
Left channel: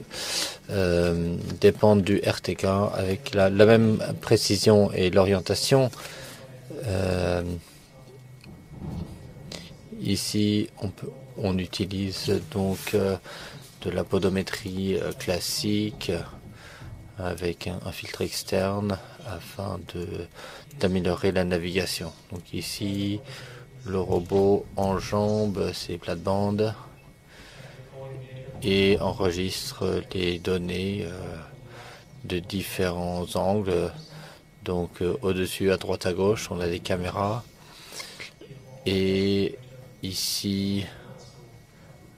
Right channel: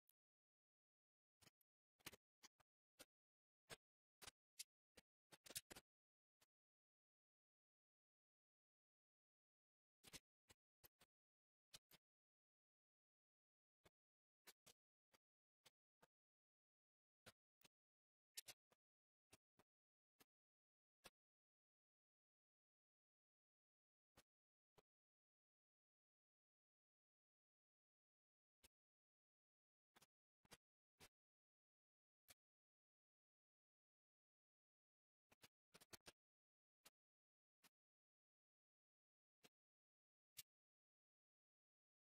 dépendre du RTK avec la même précision et l'orientation. Ici on utilise donc de la podométrie classique avec un filtre externe afin d'améliorer la navigation. Donc ici, le robot enjambe ses plates-bandes et enregistre les données de différents angles Donc au-dessus, à droite, à gauche, on a des caméras. Et ici,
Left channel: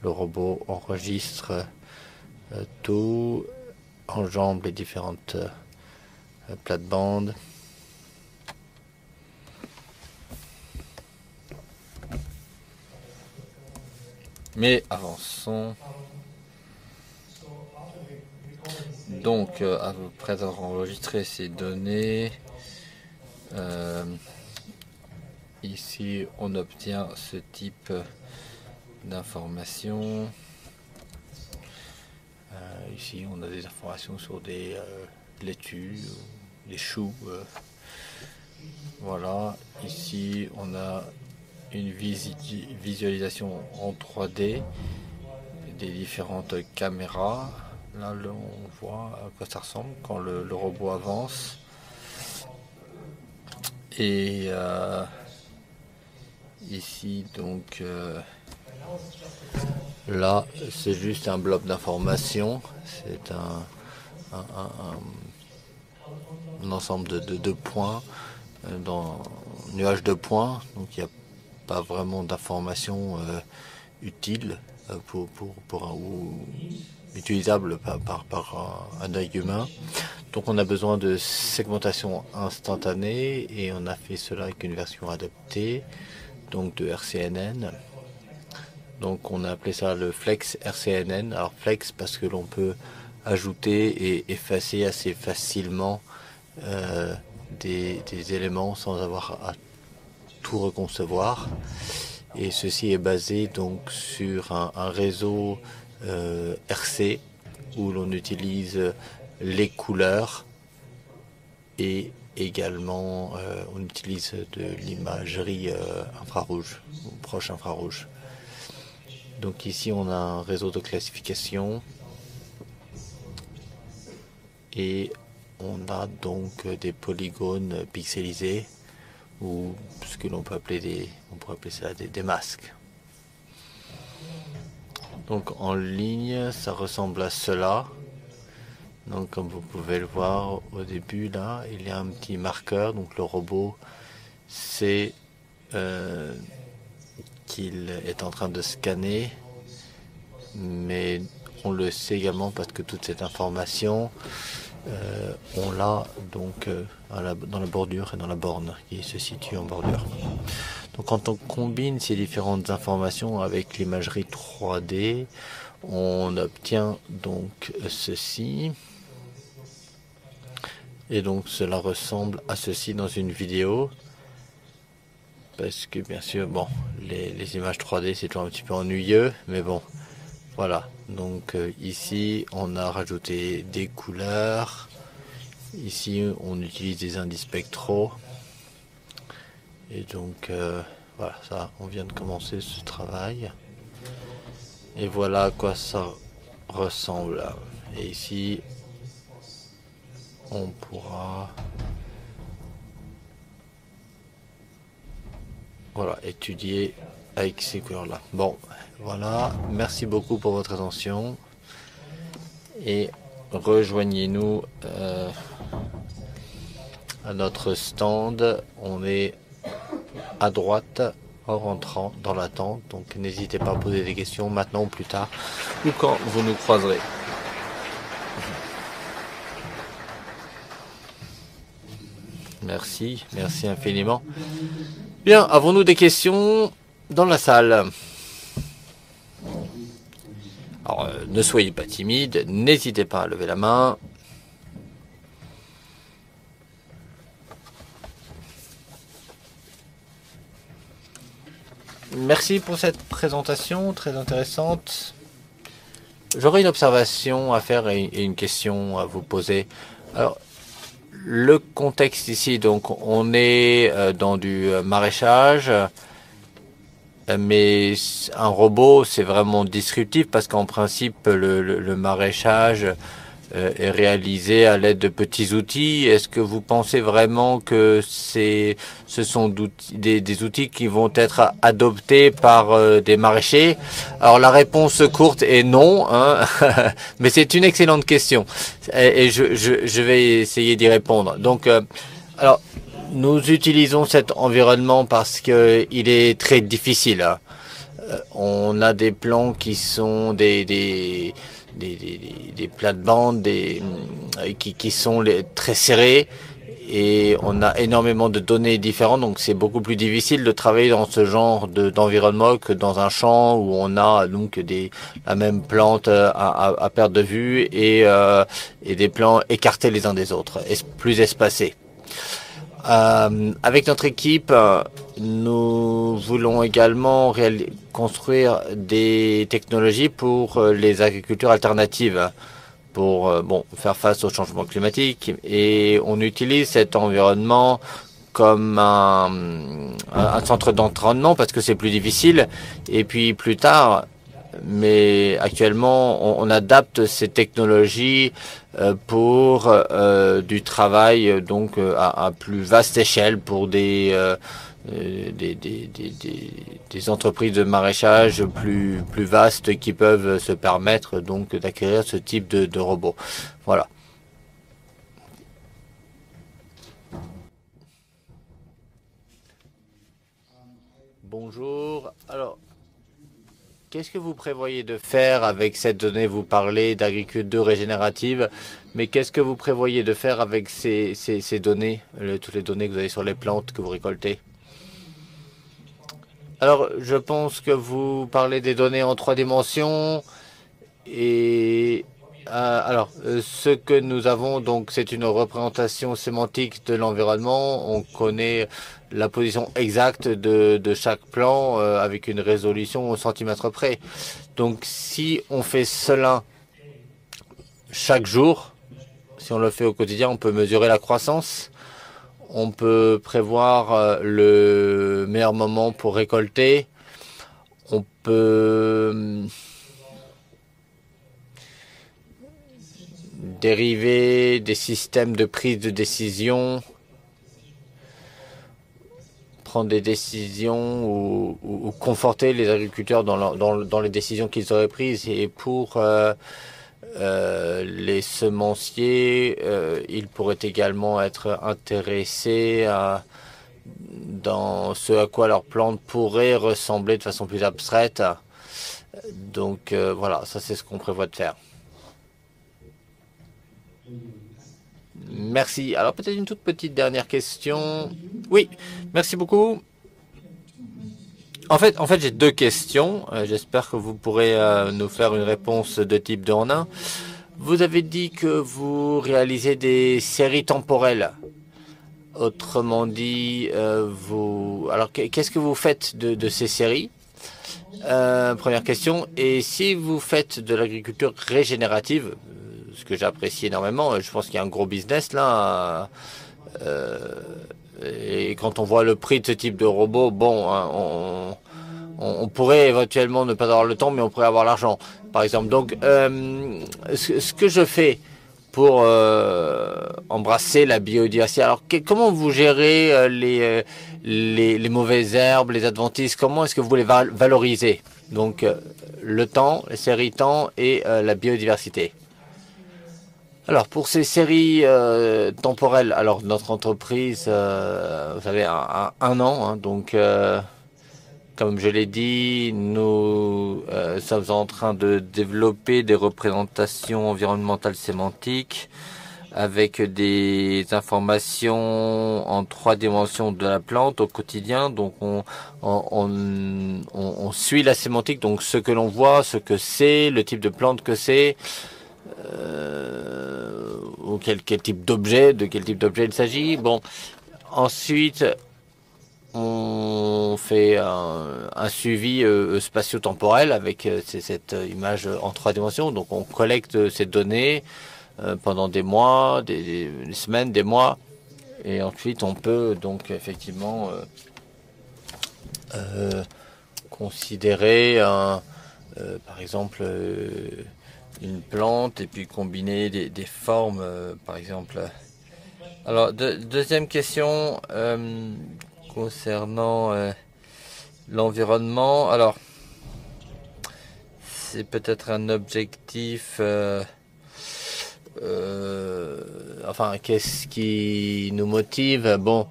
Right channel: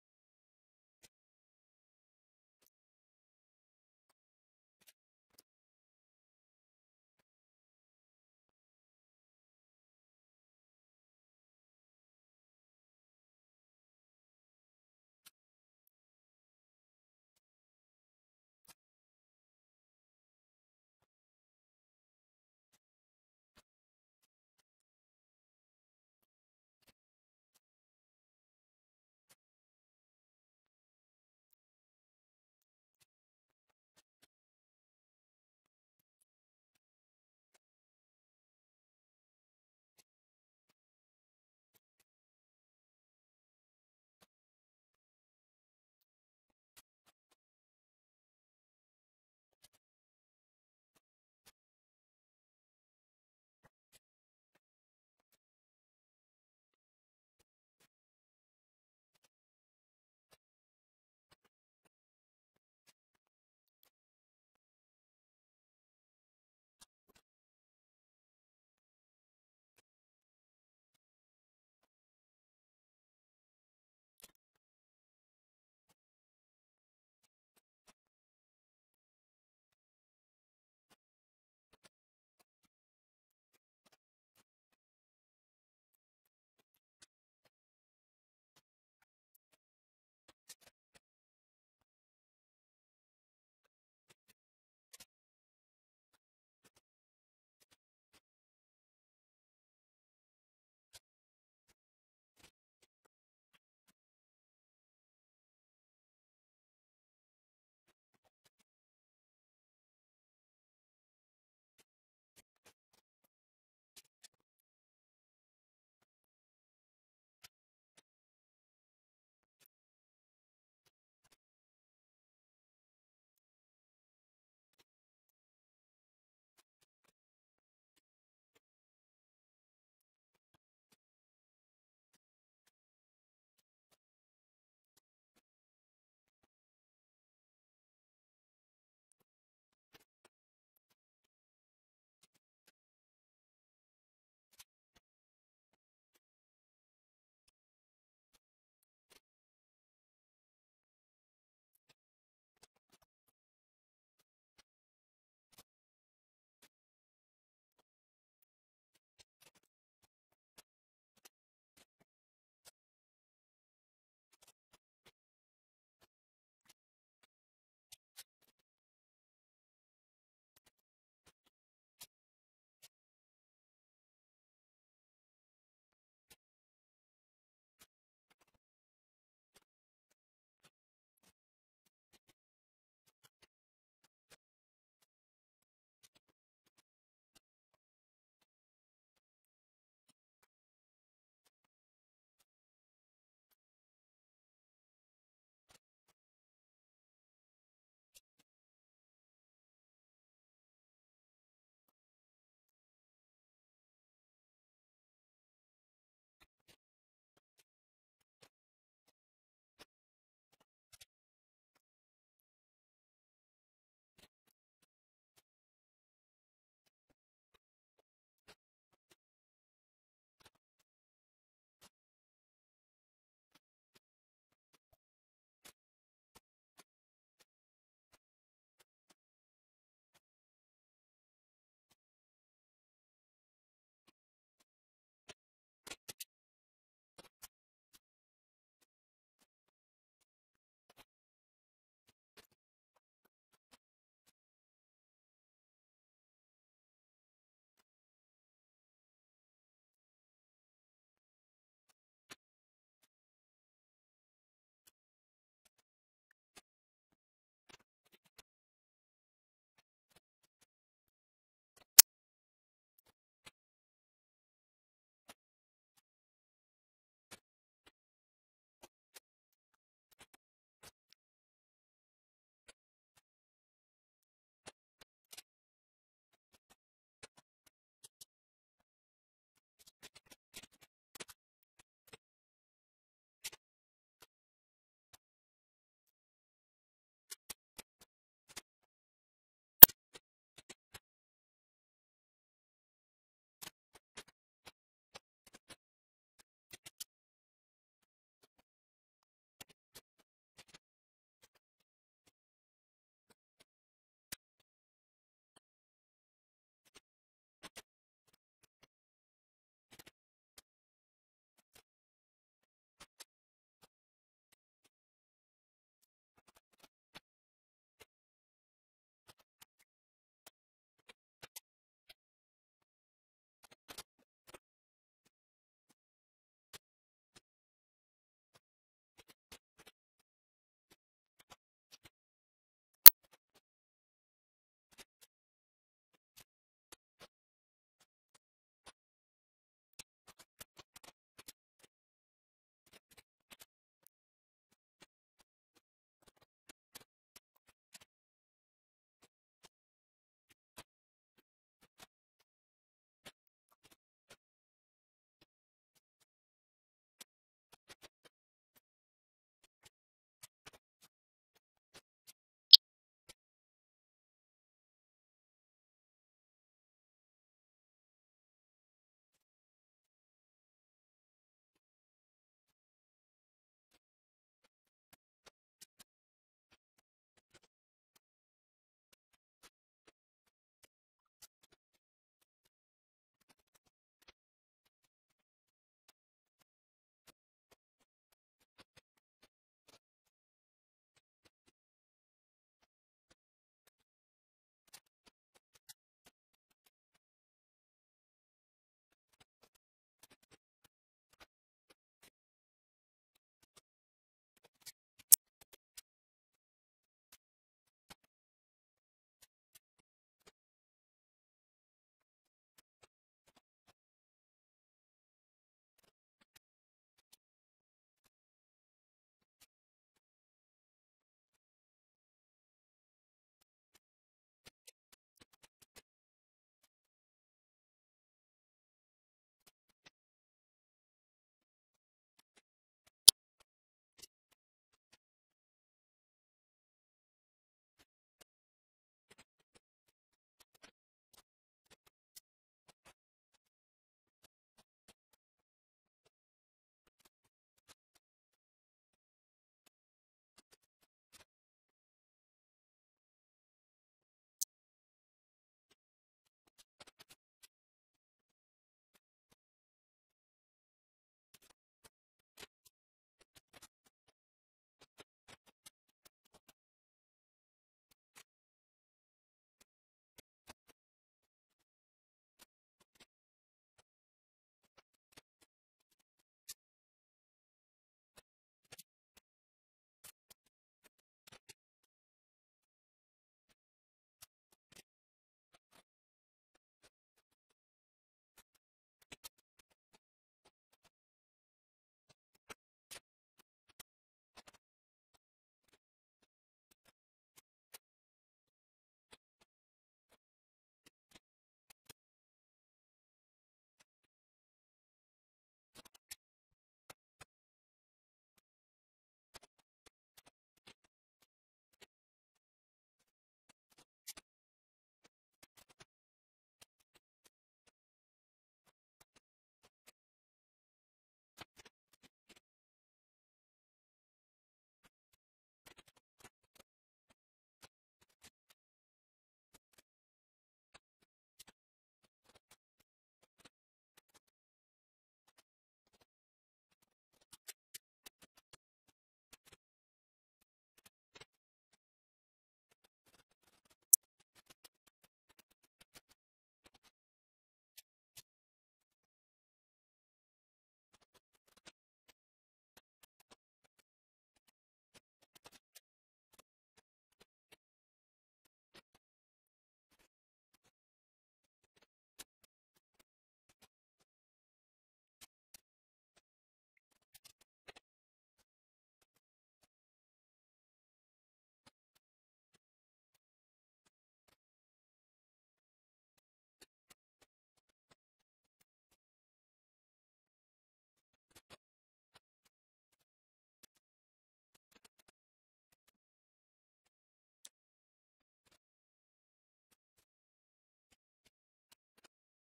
le robot enregistre tout, enjambe les différentes plates-bandes. Mais avançons. Donc, après avoir enregistré ces données, ici on obtient ce type d'informations. Ici on a des informations sur des laitues, des choux. Voilà, ici on a une visualisation en 3D des différentes caméras. Là, on voit à quoi ça ressemble quand le robot avance. Et ici, donc, là, c'est juste un bloc d'information. C'est un ensemble de points, dans un nuage de points. Donc, il n'y a pas vraiment d'informations utiles ou utilisable par un œil humain. Donc on a besoin de segmentation instantanée et on a fait cela avec une version adaptée, donc de RCNN. Donc on a appelé ça le Flex RCNN. Alors Flex parce que l'on peut ajouter et effacer assez facilement des éléments sans avoir à tout reconcevoir. Et ceci est basé donc sur un réseau RC où l'on utilise les couleurs et également on utilise de l'imagerie infrarouge ou proche infrarouge. Donc ici on a un réseau de classification et on a donc des polygones pixelisés ou ce que l'on peut appeler on pourrait appeler ça des masques. Donc en ligne, ça ressemble à cela. Donc comme vous pouvez le voir au début là, il y a un petit marqueur. Donc le robot sait qu'il est en train de scanner, mais on le sait également parce que toute cette information, on l'a donc dans la bordure et dans la borne qui se situe en bordure. Donc quand on combine ces différentes informations avec l'imagerie 3D, on obtient donc ceci. Et donc cela ressemble à ceci dans une vidéo. Parce que bien sûr, bon, les images 3D c'est toujours un petit peu ennuyeux, mais bon, voilà. Donc ici on a rajouté des couleurs. Ici on utilise des indices spectraux. Et donc voilà, ça, on vient de commencer ce travail. Et voilà à quoi ça ressemble. Et ici, on pourra étudier avec ces couleurs-là. Bon, voilà. Merci beaucoup pour votre attention. Et rejoignez-nous à notre stand. On est à droite en rentrant dans la tente. Donc n'hésitez pas à poser des questions maintenant ou plus tard ou quand vous nous croiserez. Merci infiniment. Bien, avons-nous des questions dans la salle? Alors, ne soyez pas timide, n'hésitez pas à lever la main. Merci pour cette présentation très intéressante. J'aurais une observation à faire et une question à vous poser. Alors, le contexte ici, donc on est dans du maraîchage, mais un robot c'est vraiment disruptif parce qu'en principe le maraîchage est réalisé à l'aide de petits outils. Est-ce que vous pensez vraiment que ce sont des outils qui vont être adoptés par des maraîchers? Alors la réponse courte est non, hein. Mais c'est une excellente question et je vais essayer d'y répondre. Donc Alors, nous utilisons cet environnement parce qu'il est très difficile, hein. On a des plans qui sont des plates-bandes qui sont très serrés et on a énormément de données différentes, donc c'est beaucoup plus difficile de travailler dans ce genre d'environnement que dans un champ où on a donc la même plante à perte de vue et des plans écartés les uns des autres, plus espacés. Avec notre équipe, nous voulons également construire des technologies pour les agricultures alternatives, pour faire face au changement climatique. Et on utilise cet environnement comme un centre d'entraînement parce que c'est plus difficile. Et puis plus tard, mais actuellement, on adapte ces technologies pour du travail donc à plus vaste échelle pour des entreprises de maraîchage plus vastes qui peuvent se permettre donc d'acquérir ce type de robots. Voilà. Bonjour. Alors, qu'est-ce que vous prévoyez de faire avec cette donnée? Vous parlez d'agriculture régénérative, mais qu'est-ce que vous prévoyez de faire avec ces données, toutes les données que vous avez sur les plantes que vous récoltez? Alors, je pense que vous parlez des données en 3 dimensions et ce que nous avons, donc, c'est une représentation sémantique de l'environnement. On connaît la position exacte de chaque plan avec une résolution au centimètre près. Donc, si on fait cela chaque jour, si on le fait au quotidien, on peut mesurer la croissance. On peut prévoir le meilleur moment pour récolter. On peut dériver des systèmes de prise de décision, prendre des décisions ou conforter les agriculteurs dans les décisions qu'ils auraient prises. Et pour les semenciers, ils pourraient également être intéressés dans ce à quoi leur plante pourrait ressembler de façon plus abstraite. Donc voilà, ça c'est ce qu'on prévoit de faire. Merci. Alors peut-être une toute petite dernière question. Oui, merci beaucoup. En fait j'ai 2 questions. J'espère que vous pourrez nous faire une réponse de type 2 en 1. Vous avez dit que vous réalisez des séries temporelles. Autrement dit, alors qu'est-ce que vous faites de ces séries? Première question. Et si vous faites de l'agriculture régénérative, ce que j'apprécie énormément, je pense qu'il y a un gros business là. Et quand on voit le prix de ce type de robot, bon, hein, on pourrait éventuellement ne pas avoir le temps, mais on pourrait avoir l'argent, par exemple. Donc, ce que je fais pour embrasser la biodiversité. Alors, comment vous gérez les mauvaises herbes, les adventices? Comment est-ce que vous les valorisez? Donc, le temps, les séries temps et la biodiversité. Alors, pour ces séries temporelles, alors notre entreprise, vous savez, un an, hein, donc comme je l'ai dit, nous sommes en train de développer des représentations environnementales sémantiques avec des informations en 3 dimensions de la plante au quotidien. Donc, on suit la sémantique, donc ce que l'on voit, ce que c'est, le type de plante que c'est, ou quel type d'objet, de quel type d'objet il s'agit. Bon, ensuite, on fait un suivi spatio-temporel avec cette image en 3 dimensions. Donc, on collecte ces données pendant des mois, des semaines, des mois. Et ensuite, on peut donc effectivement considérer, par exemple, une plante et puis combiner des formes, par exemple. Alors, deuxième question concernant l'environnement. Alors, c'est peut-être un objectif enfin, qu'est-ce qui nous motive? Bon,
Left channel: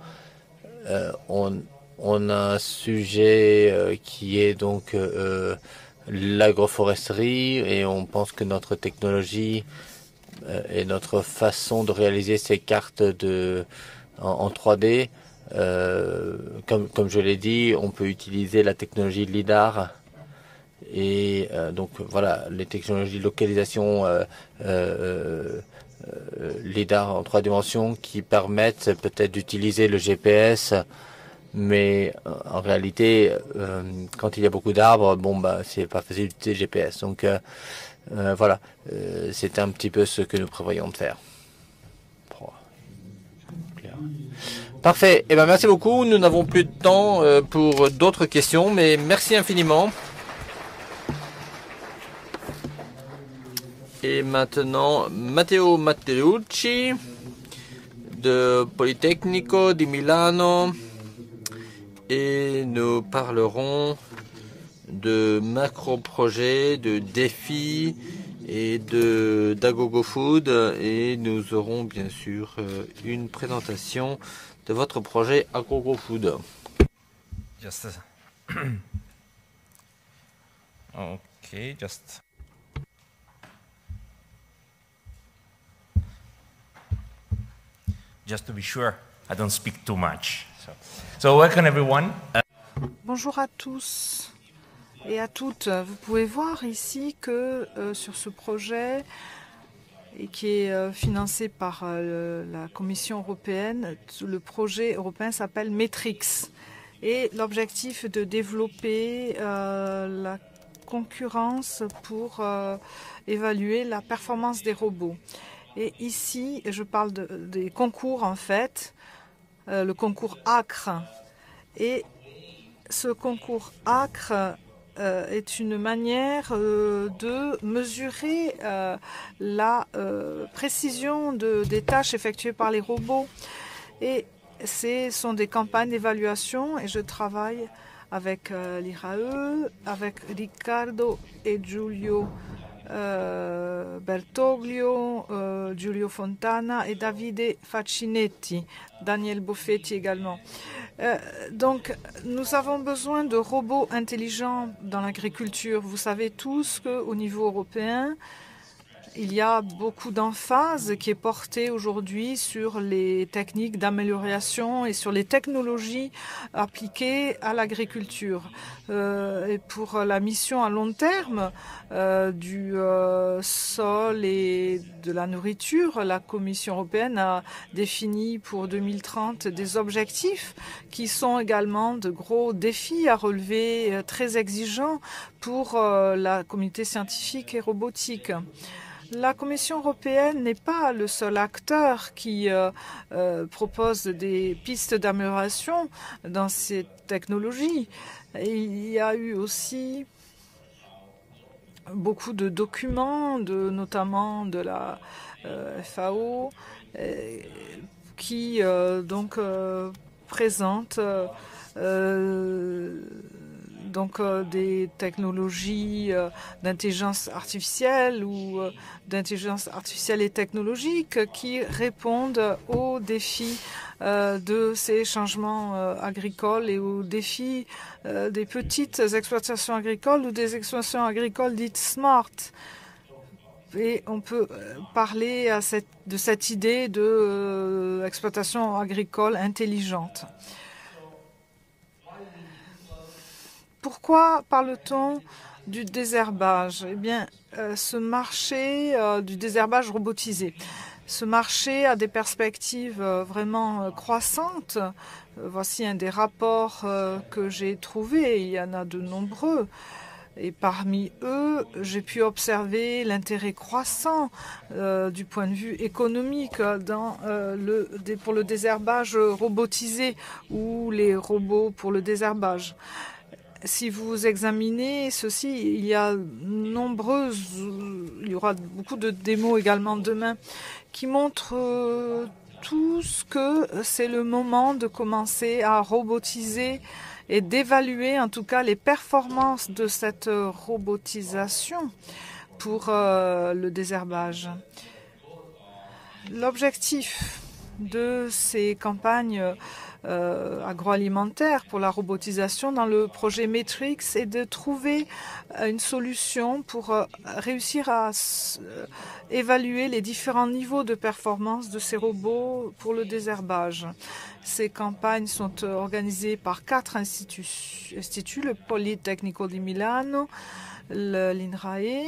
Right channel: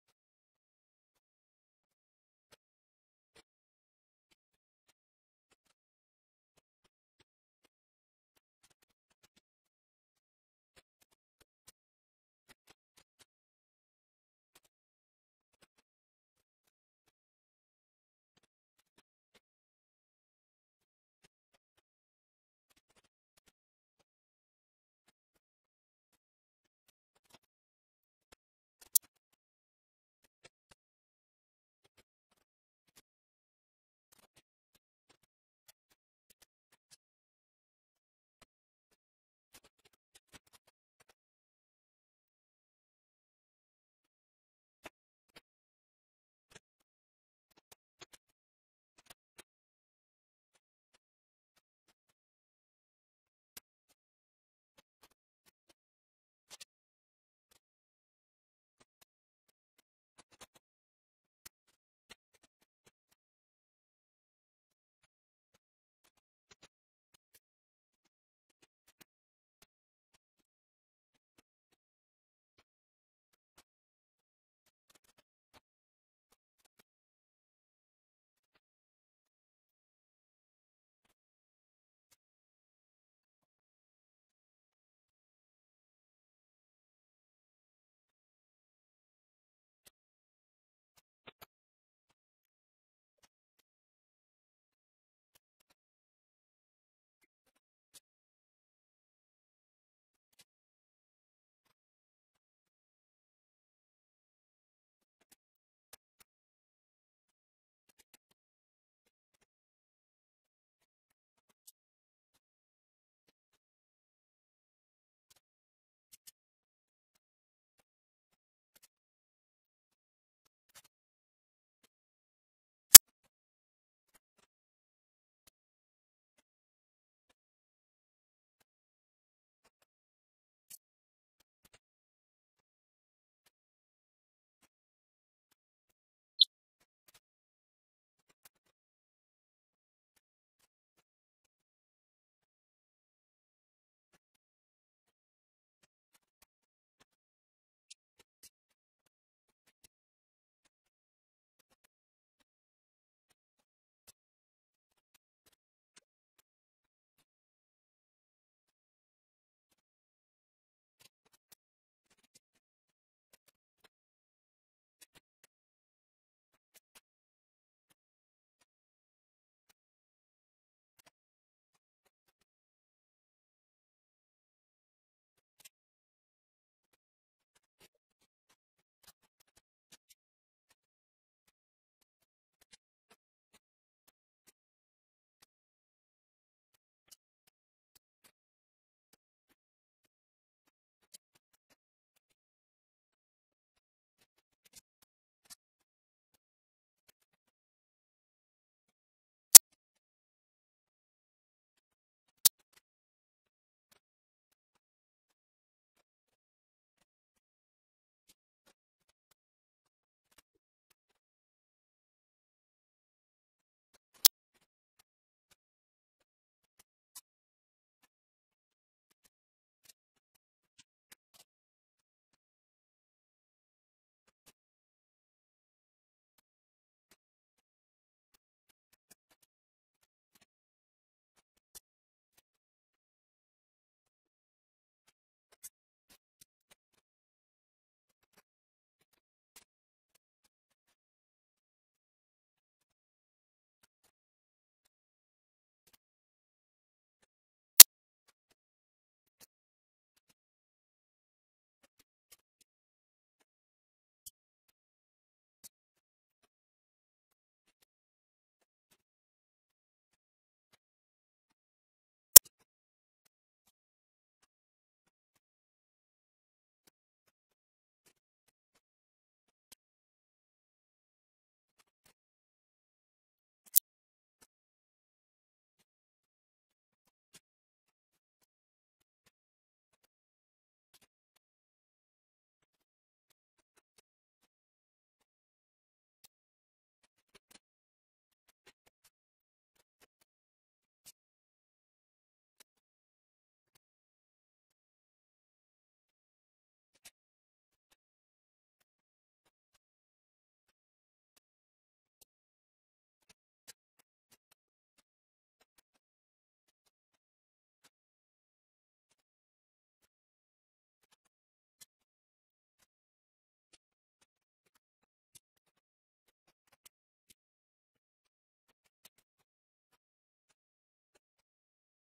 on a un sujet qui est donc l'agroforesterie et on pense que notre technologie et notre façon de réaliser ces cartes en 3D, comme je l'ai dit, on peut utiliser la technologie LIDAR et donc voilà, les technologies de localisation LIDAR en 3 dimensions qui permettent peut-être d'utiliser le GPS, mais en réalité, quand il y a beaucoup d'arbres, bon bah c'est pas facile d'utiliser le GPS. Donc voilà, c'est un petit peu ce que nous prévoyons de faire. Parfait. Eh ben, merci beaucoup. Nous n'avons plus de temps pour d'autres questions, mais merci infiniment. Et maintenant, Matteo Matteucci de Politecnico di Milano. Et nous parlerons de macro-projets, de défis et d'Agogo Food. Et nous aurons bien sûr une présentation de votre projet Agogo Food. Just okay, just to be sure I don't speak too much. So welcome everyone. Bonjour à tous et à toutes. Vous pouvez voir ici que sur ce projet et qui est financé par la Commission européenne, le projet européen s'appelle Matrix. Et l'objectif est de développer la concurrence pour évaluer la performance des robots. Et ici, je parle des concours en fait, le concours ACRE. Et ce concours ACRE est une manière de mesurer la précision des tâches effectuées par les robots. Et ce sont des campagnes d'évaluation et je travaille avec l'IRAE, avec Riccardo et Giulio Bertoglio, Giulio Fontana et Davide Faccinetti, Daniel Boffetti également. Donc, nous avons besoin de robots intelligents dans l'agriculture. Vous savez tous qu'au niveau européen, il y a beaucoup d'emphase qui est portée aujourd'hui sur les techniques d'amélioration et sur les technologies appliquées à l'agriculture. Et pour la mission à long terme du sol et de la nourriture, la Commission européenne a défini pour 2030 des objectifs qui sont également de gros défis à relever, très exigeants pour la communauté scientifique et robotique. La Commission européenne n'est pas le seul acteur qui propose des pistes d'amélioration dans ces technologies. Il y a eu aussi beaucoup de documents, notamment de la FAO, qui donc présentent des technologies d'intelligence artificielle ou d'intelligence artificielle et technologique qui répondent aux défis de ces changements agricoles et aux défis des petites exploitations agricoles ou des exploitations agricoles dites smart. Et on peut parler de cette idée d'exploitation agricole intelligente. Pourquoi parle-t-on du désherbage? Eh bien, ce marché du désherbage robotisé, ce marché a des perspectives vraiment croissantes. Voici un des rapports que j'ai trouvés. Il y en a de nombreux. Et parmi eux, j'ai pu observer l'intérêt croissant du point de vue économique pour le désherbage robotisé ou les robots pour le désherbage. Si vous examinez ceci, il y aura beaucoup de démos également demain qui montrent tous que c'est le moment de commencer à robotiser et d'évaluer en tout cas les performances de cette robotisation pour le désherbage. L'objectif de ces campagnes agroalimentaires pour la robotisation dans le projet Matrix est de trouver une solution pour réussir à évaluer les différents niveaux de performance de ces robots pour le désherbage. Ces campagnes sont organisées par 4 instituts, le Politecnico di Milano, l'INRAE,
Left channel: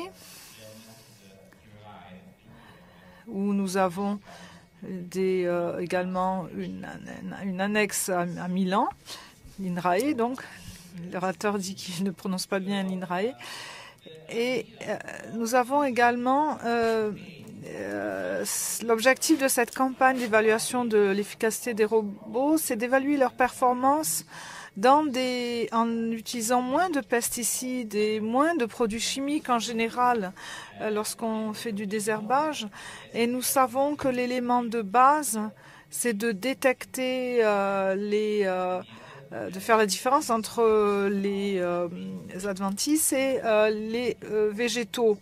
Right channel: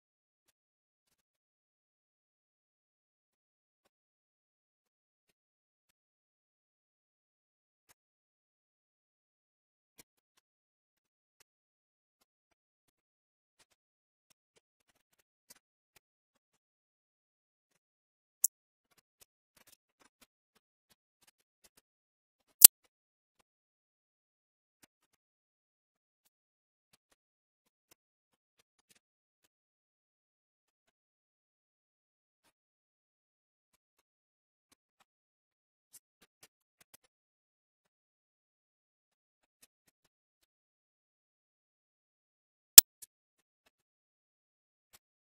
où nous avons également une annexe à Milan, l'INRAE, donc l'orateur dit qu'il ne prononce pas bien l'INRAE. Et nous avons également l'objectif de cette campagne d'évaluation de l'efficacité des robots, c'est d'évaluer leur performance en utilisant moins de pesticides et moins de produits chimiques en général lorsqu'on fait du désherbage. Et nous savons que l'élément de base, c'est de détecter de faire la différence entre les adventices et les végétaux.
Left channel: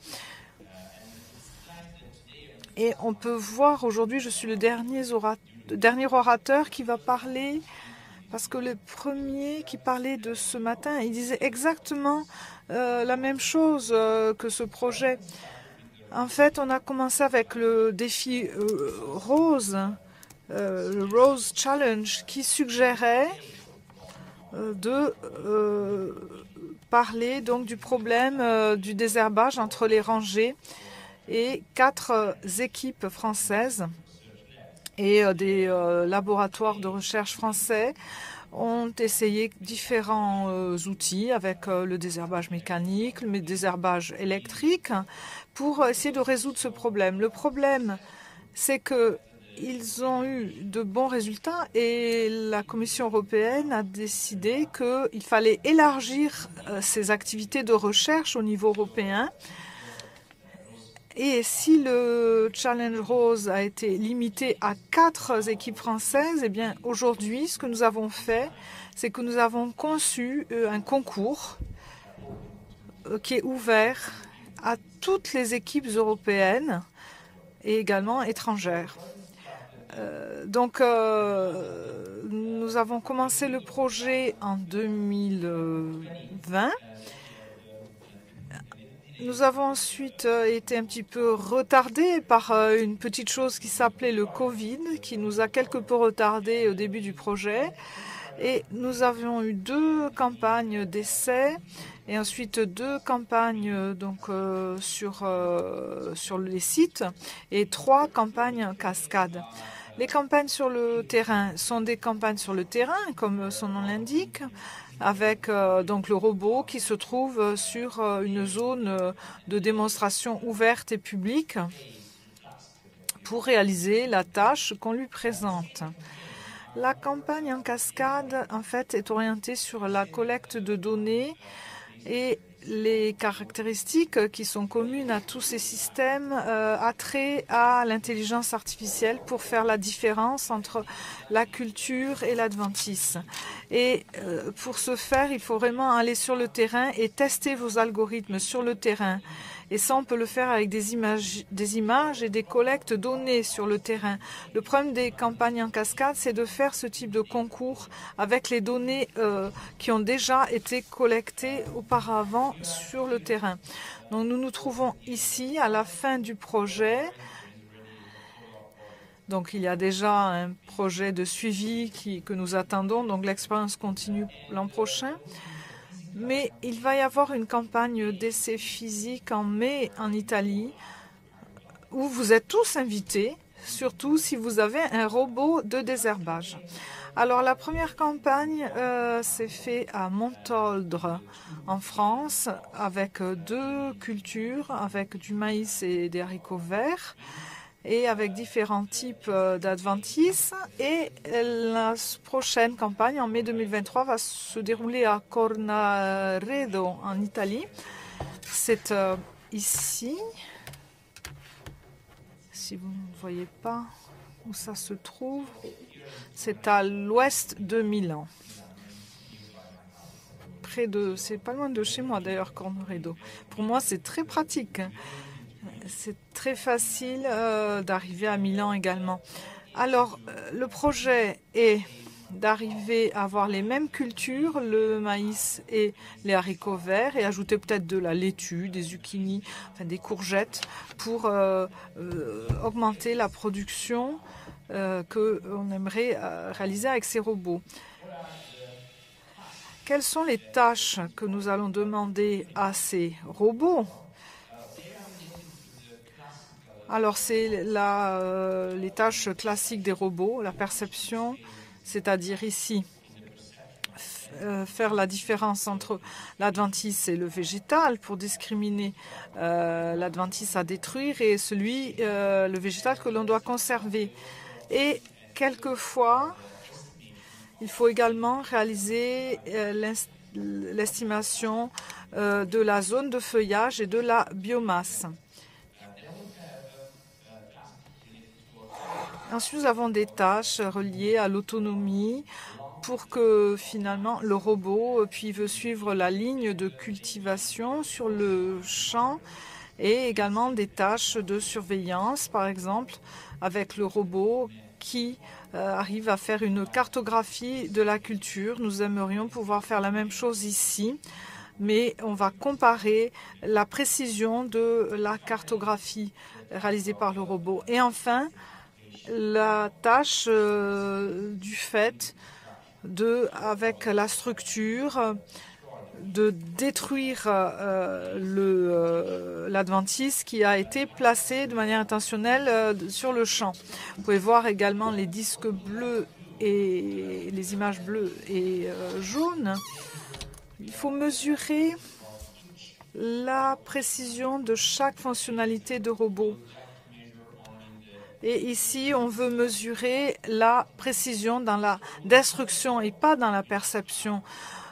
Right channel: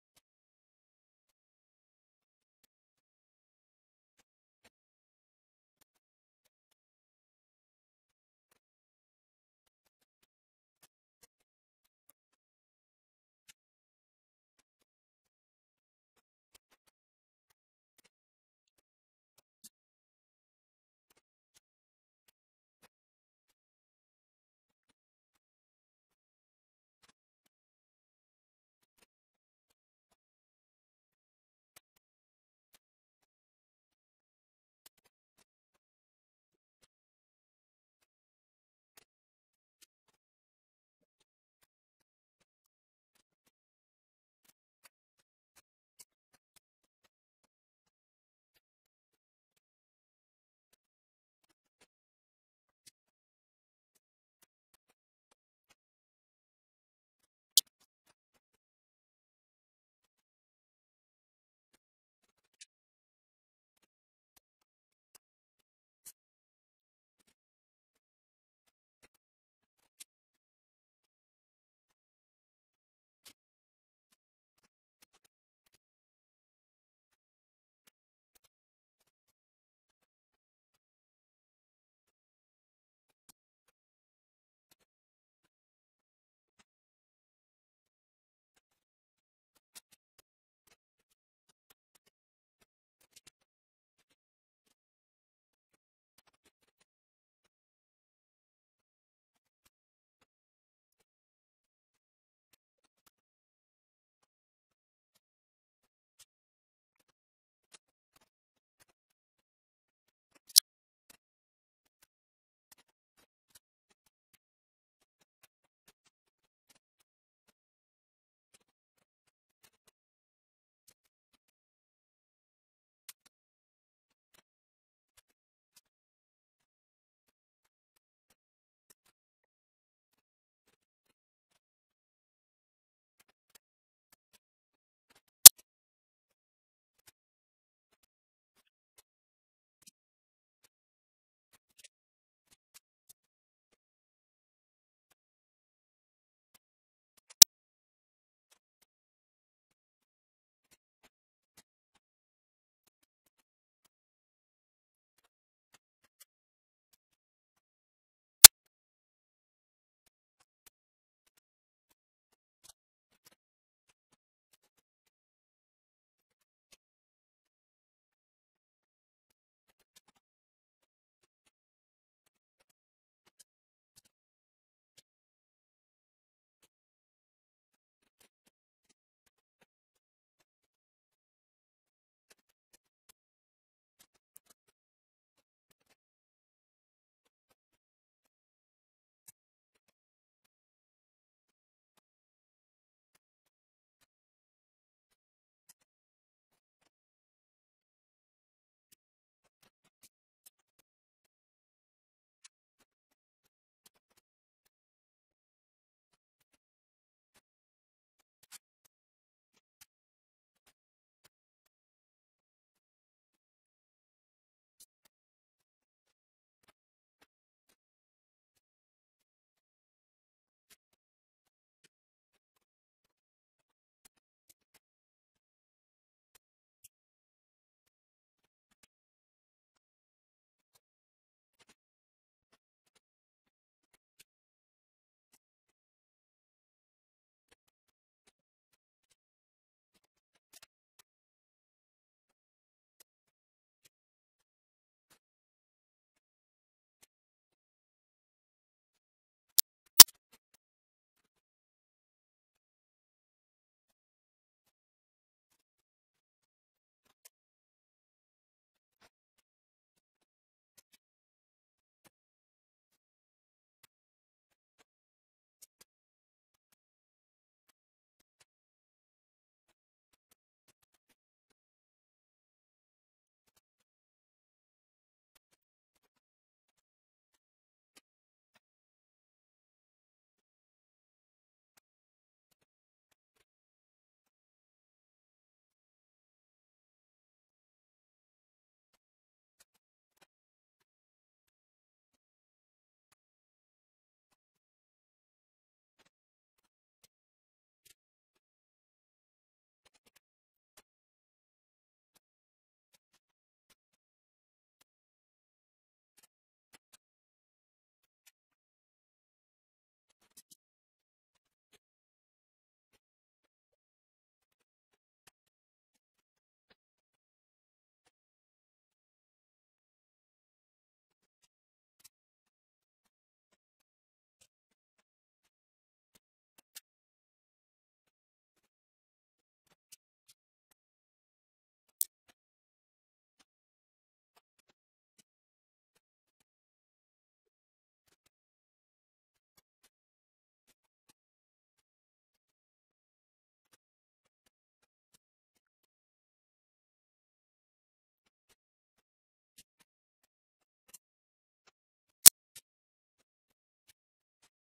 Et on peut voir aujourd'hui, je suis le dernier orateur qui va parler, parce que le premier qui parlait de ce matin, il disait exactement la même chose que ce projet. En fait, on a commencé avec le défi Rose, le Rose Challenge, qui suggérait de parler donc du problème du désherbage entre les rangées, et 4 équipes françaises et des laboratoires de recherche français ont essayé différents outils avec le désherbage mécanique, le désherbage électrique, pour essayer de résoudre ce problème. Le problème, c'est qu'ils ont eu de bons résultats et la Commission européenne a décidé qu'il fallait élargir ces activités de recherche au niveau européen. Et si le Challenge Rose a été limité à 4 équipes françaises, eh bien aujourd'hui, ce que nous avons fait, c'est que nous avons conçu un concours qui est ouvert à toutes les équipes européennes et également étrangères. Donc, nous avons commencé le projet en 2020. Nous avons ensuite été un petit peu retardés par une petite chose qui s'appelait le Covid, qui nous a quelque peu retardés au début du projet. Et nous avions eu 2 campagnes d'essai et ensuite 2 campagnes sur les sites et 3 campagnes en cascade. Les campagnes sur le terrain sont des campagnes sur le terrain, comme son nom l'indique, avec donc le robot qui se trouve sur une zone de démonstration ouverte et publique pour réaliser la tâche qu'on lui présente. La campagne en cascade, en fait, est orientée sur la collecte de données et les caractéristiques qui sont communes à tous ces systèmes attrait à l'intelligence artificielle pour faire la différence entre la culture et l'adventice. Et pour ce faire, il faut vraiment aller sur le terrain et tester vos algorithmes sur le terrain. Et ça, on peut le faire avec des images et des collectes données sur le terrain. Le problème des campagnes en cascade, c'est de faire ce type de concours avec les données qui ont déjà été collectées auparavant sur le terrain. Donc nous nous trouvons ici à la fin du projet. Donc il y a déjà un projet de suivi que nous attendons, donc l'expérience continue l'an prochain. Mais il va y avoir une campagne d'essai physique en mai en Italie où vous êtes tous invités, surtout si vous avez un robot de désherbage. Alors la première campagne s'est faite à Montoldre en France avec 2 cultures, avec du maïs et des haricots verts, et avec différents types d'adventices. Et la prochaine campagne, en mai 2023, va se dérouler à Cornaredo, en Italie. C'est ici. Si vous ne voyez pas où ça se trouve, c'est à l'ouest de Milan. C'est pas loin de chez moi d'ailleurs, Cornaredo. Pour moi, c'est très pratique. c'est très facile d'arriver à Milan également. Alors, le projet est d'arriver à avoir les mêmes cultures, le maïs et les haricots verts, et ajouter peut-être de la laitue, des zucchini, enfin des courgettes, pour augmenter la production qu'on aimerait réaliser avec ces robots. Quelles sont les tâches que nous allons demander à ces robots? Alors, c'est les tâches classiques des robots, la perception, c'est-à-dire ici, faire la différence entre l'adventice et le végétal pour discriminer l'adventice à détruire et le végétal que l'on doit conserver. Et quelquefois, il faut également réaliser l'estimation de la zone de feuillage et de la biomasse. Ensuite, nous avons des tâches reliées à l'autonomie pour que finalement le robot puisse suivre la ligne de cultivation sur le champ, et également des tâches de surveillance, par exemple, avec le robot qui arrive à faire une cartographie de la culture. Nous aimerions pouvoir faire la même chose ici, mais on va comparer la précision de la cartographie réalisée par le robot. Et enfin, la tâche du fait avec la structure, de détruire l'adventice qui a été placé de manière intentionnelle sur le champ. Vous pouvez voir également les disques bleus et les images bleues et jaunes. Il faut mesurer la précision de chaque fonctionnalité de robot. Et ici, on veut mesurer la précision dans la destruction et pas dans la perception.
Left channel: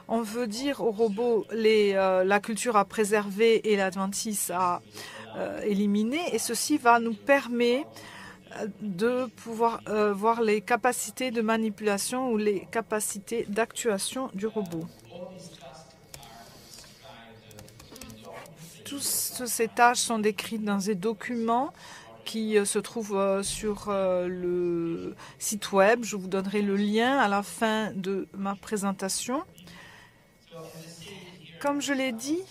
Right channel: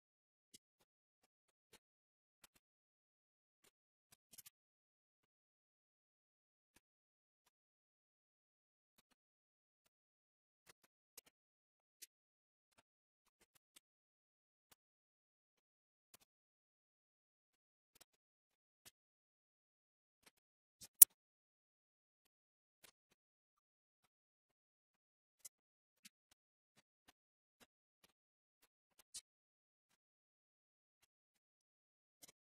On veut dire au robot la culture à préserver et l'adventice à éliminer. Et ceci va nous permettre de pouvoir voir les capacités de manipulation ou les capacités d'actuation du robot. Toutes ces tâches sont décrites dans des documents qui se trouve sur le site web. Je vous donnerai le lien à la fin de ma présentation. Comme je l'ai dit,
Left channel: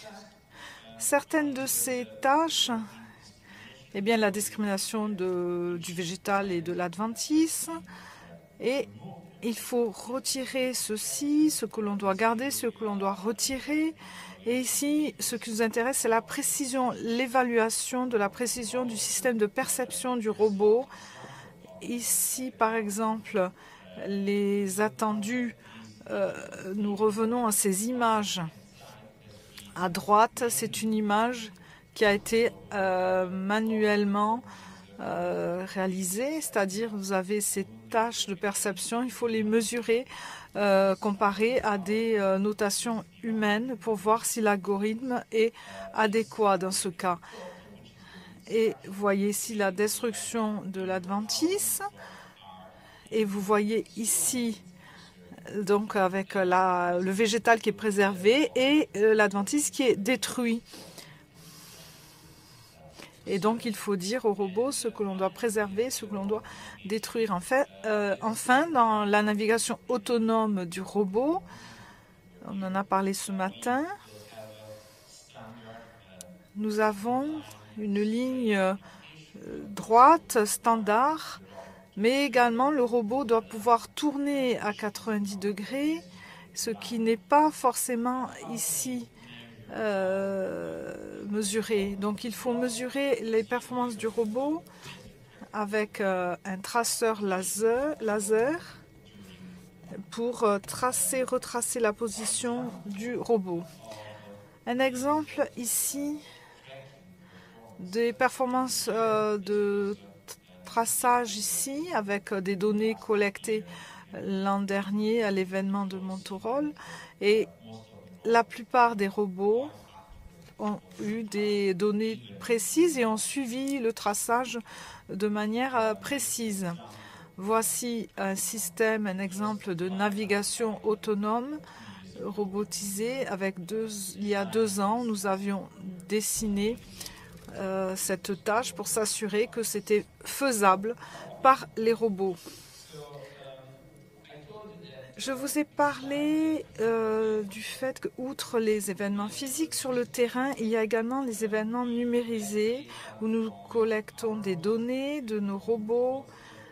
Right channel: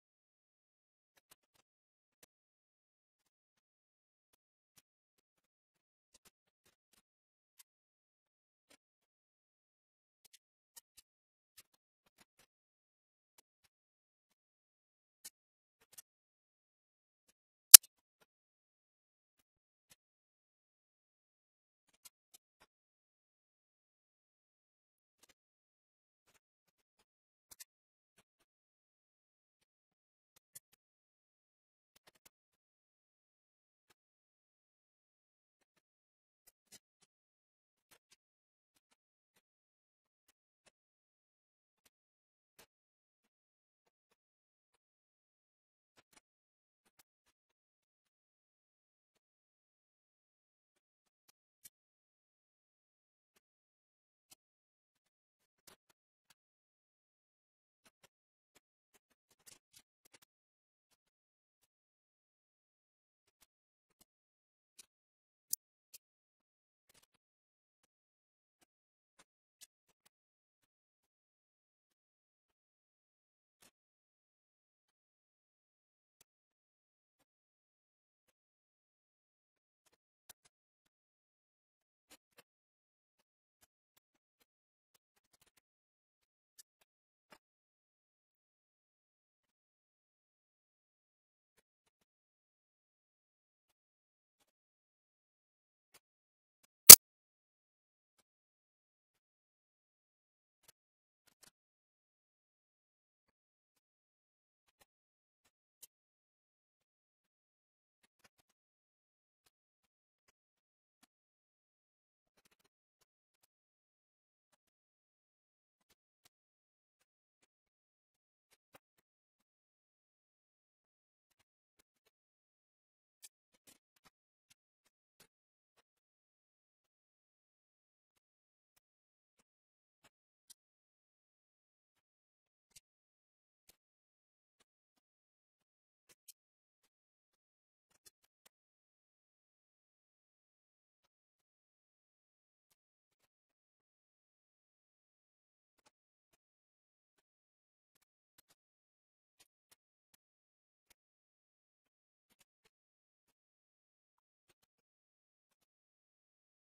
certaines de ces tâches, la discrimination du végétal et de l'adventice, et il faut retirer ceci, ce que l'on doit garder, ce que l'on doit retirer. Et ici, ce qui nous intéresse, c'est la précision, l'évaluation de la précision du système de perception du robot. Ici, par exemple, les attendus, nous revenons à ces images. À droite, c'est une image qui a été manuellement réalisée, c'est-à-dire vous avez ces tâches de perception, il faut les mesurer, comparé à des notations humaines pour voir si l'algorithme est adéquat dans ce cas. Et vous voyez ici la destruction de l'adventice. Et vous voyez ici, donc avec le végétal qui est préservé et l'adventice qui est détruit. Et donc, il faut dire au robot ce que l'on doit préserver, ce que l'on doit détruire. Enfin, dans la navigation autonome du robot, on en a parlé ce matin, nous avons une ligne droite, standard, mais également le robot doit pouvoir tourner à 90 degrés, ce qui n'est pas forcément ici mesurer. Donc il faut mesurer les performances du robot avec un traceur laser pour retracer la position du robot. Un exemple ici des performances de traçage ici avec des données collectées l'an dernier à l'événement de Montorol, et la plupart des robots ont eu des données précises et ont suivi le traçage de manière précise. Voici un système, un exemple de navigation autonome robotisée. Il y a 2 ans, nous avions dessiné cette tâche pour s'assurer que c'était faisable par les robots. Je vous ai parlé du fait qu'outre les événements physiques sur le terrain, il y a également les événements numérisés où nous collectons des données de nos robots,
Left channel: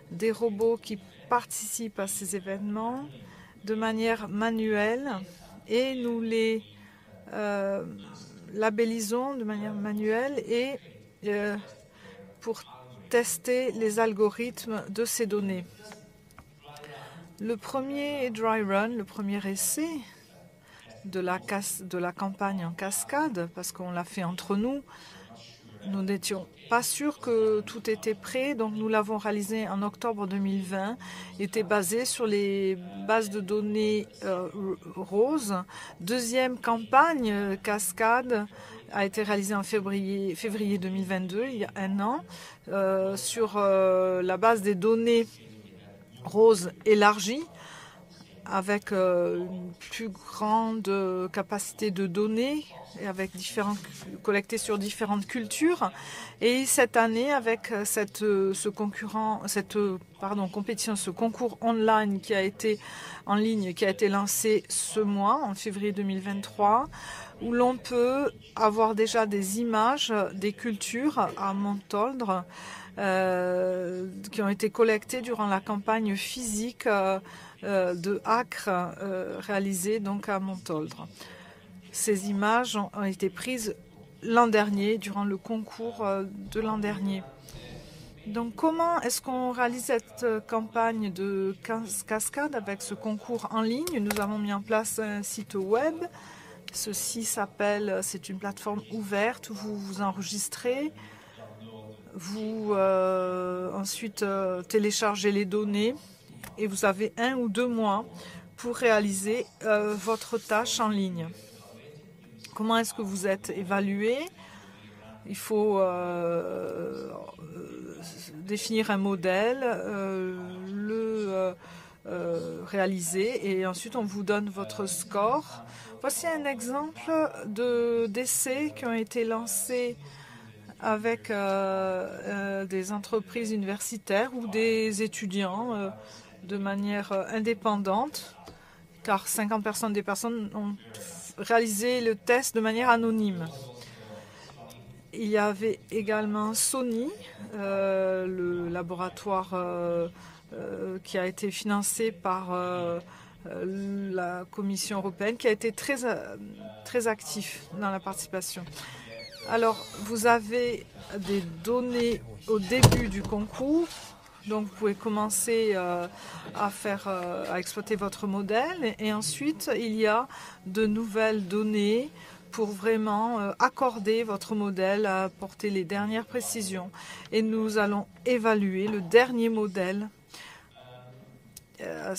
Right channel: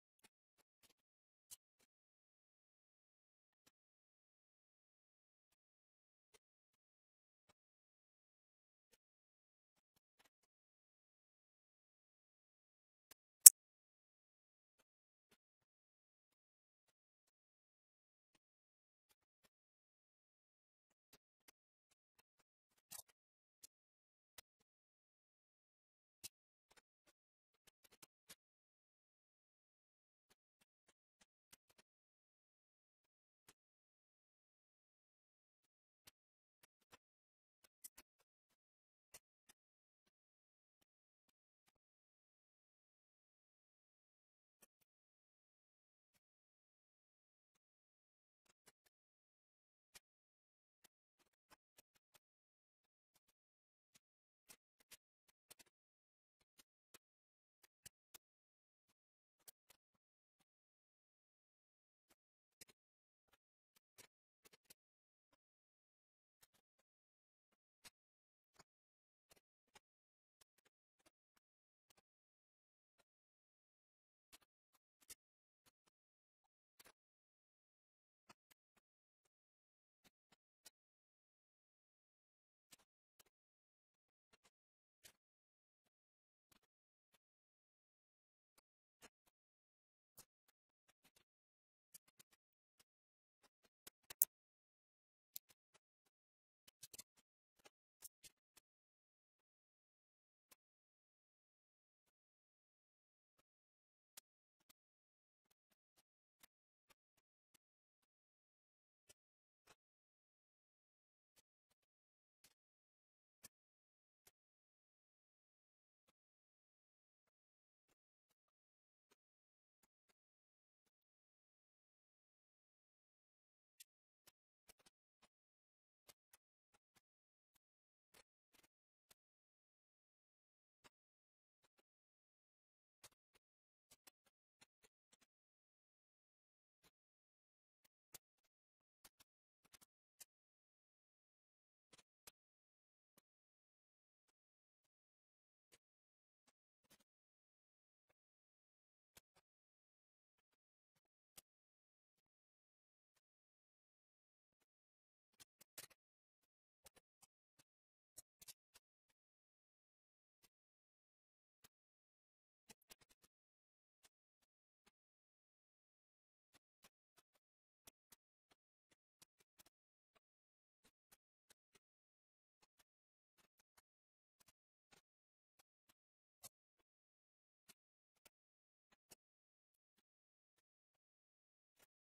des robots qui participent à ces événements de manière manuelle et nous les labellisons de manière manuelle et pour tester les algorithmes de ces données. Le premier dry run, le premier essai de la campagne en cascade, parce qu'on l'a fait entre nous, nous n'étions pas sûrs que tout était prêt, donc nous l'avons réalisé en octobre 2020. Il était basé sur les bases de données roses. Deuxième campagne cascade a été réalisée en février 2022, il y a un an, sur la base des données rose élargie avec une plus grande capacité de données et avec collectées sur différentes cultures. Et cette année, avec cette compétition, ce concours online qui a été en ligne, qui a été lancé ce mois, en février 2023, où l'on peut avoir déjà des images des cultures à Montoldre qui ont été collectées durant la campagne physique de Acre réalisée donc à Montoldre. Ces images ont été prises l'an dernier, durant le concours de l'an dernier. Donc comment est-ce qu'on réalise cette campagne de cascade avec ce concours en ligne? Nous avons mis en place un site web. Ceci s'appelle, c'est une plateforme ouverte où vous vous enregistrez. Vous ensuite téléchargez les données et vous avez 1 ou 2 mois pour réaliser votre tâche en ligne. Comment est-ce que vous êtes évalué? Il faut définir un modèle, le réaliser et ensuite on vous donne votre score. Voici un exemple d'essais qui ont été lancés avec des entreprises universitaires ou des étudiants de manière indépendante, car 50% des personnes ont réalisé le test de manière anonyme. Il y avait également Sony, le laboratoire qui a été financé par la Commission européenne, qui a été très actif dans la participation. Alors, vous avez des données au début du concours, donc vous pouvez commencer à exploiter votre modèle et ensuite il y a de nouvelles données pour vraiment accorder votre modèle, apporter les dernières précisions et nous allons évaluer le dernier modèle à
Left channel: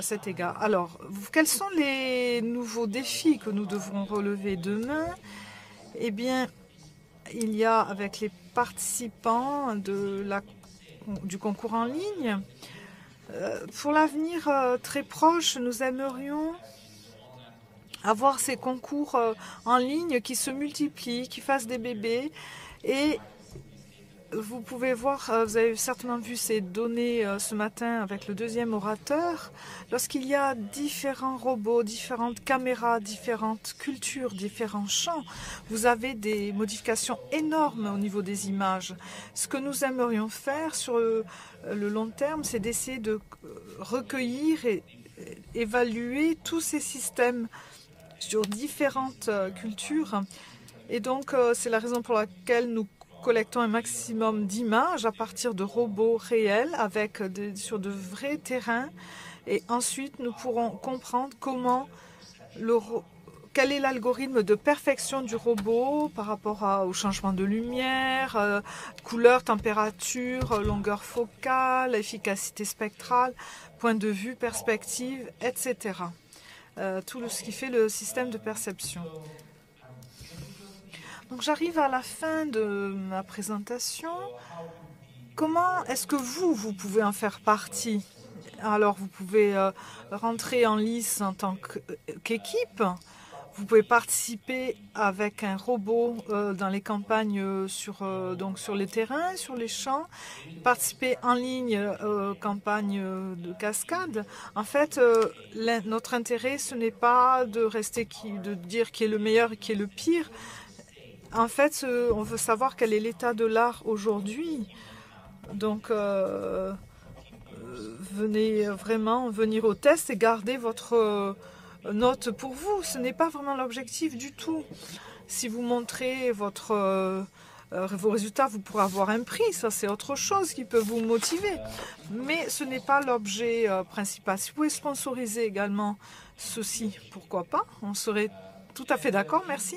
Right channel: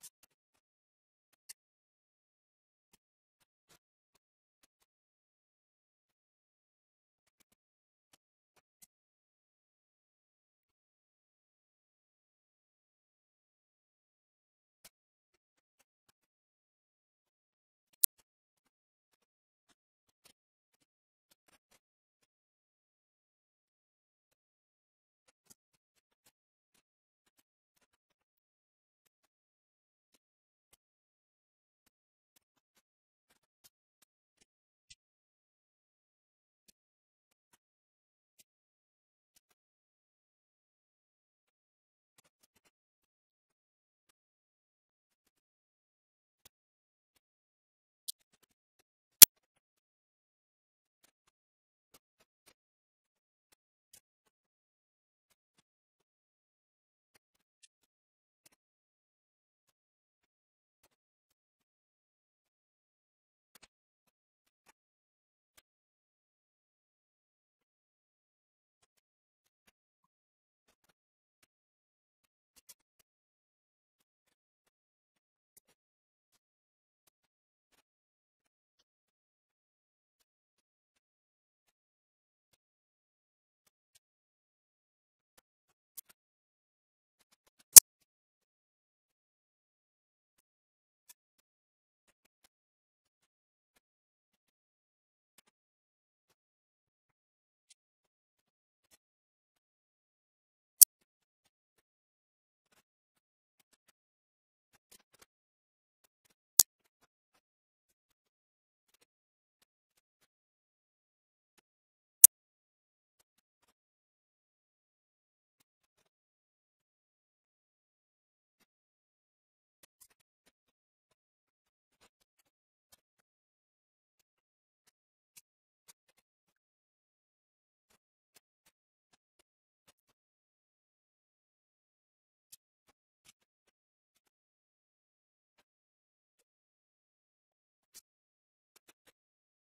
cet égard. Alors, quels sont les nouveaux défis que nous devrons relever demain? Eh bien, il y a avec les participants du concours en ligne, pour l'avenir très proche, nous aimerions avoir ces concours en ligne qui se multiplient, qui fassent des bébés. Et vous pouvez voir, vous avez certainement vu ces données ce matin avec le deuxième orateur. Lorsqu'il y a différents robots, différentes caméras, différentes cultures, différents champs, vous avez des modifications énormes au niveau des images. Ce que nous aimerions faire sur le long terme, c'est d'essayer de recueillir et évaluer tous ces systèmes sur différentes cultures. Et donc, c'est la raison pour laquelle nous collectons un maximum d'images à partir de robots réels sur de vrais terrains. Et ensuite, nous pourrons comprendre quel est l'algorithme de perfection du robot par rapport au changement de lumière, couleur, température, longueur focale, efficacité spectrale, point de vue, perspective, etc. Tout ce qui fait le système de perception. Donc j'arrive à la fin de ma présentation. Comment est-ce que vous pouvez en faire partie? Alors vous pouvez rentrer en lice en tant qu'équipe. Vous pouvez participer avec un robot dans les campagnes donc sur les terrains, sur les champs, participer en ligne aux campagnes de cascade. En fait, notre intérêt, ce n'est pas de dire qui est le meilleur et qui est le pire. En fait, on veut savoir quel est l'état de l'art aujourd'hui. Donc, venez vraiment venir au test et garder votre note pour vous. Ce n'est pas vraiment l'objectif du tout. Si vous montrez vos résultats, vous pourrez avoir un prix. Ça, c'est autre chose qui peut vous motiver. Mais ce n'est pas l'objet principal. Si vous pouvez sponsoriser également ceci, pourquoi pas? On serait tout à fait d'accord, merci.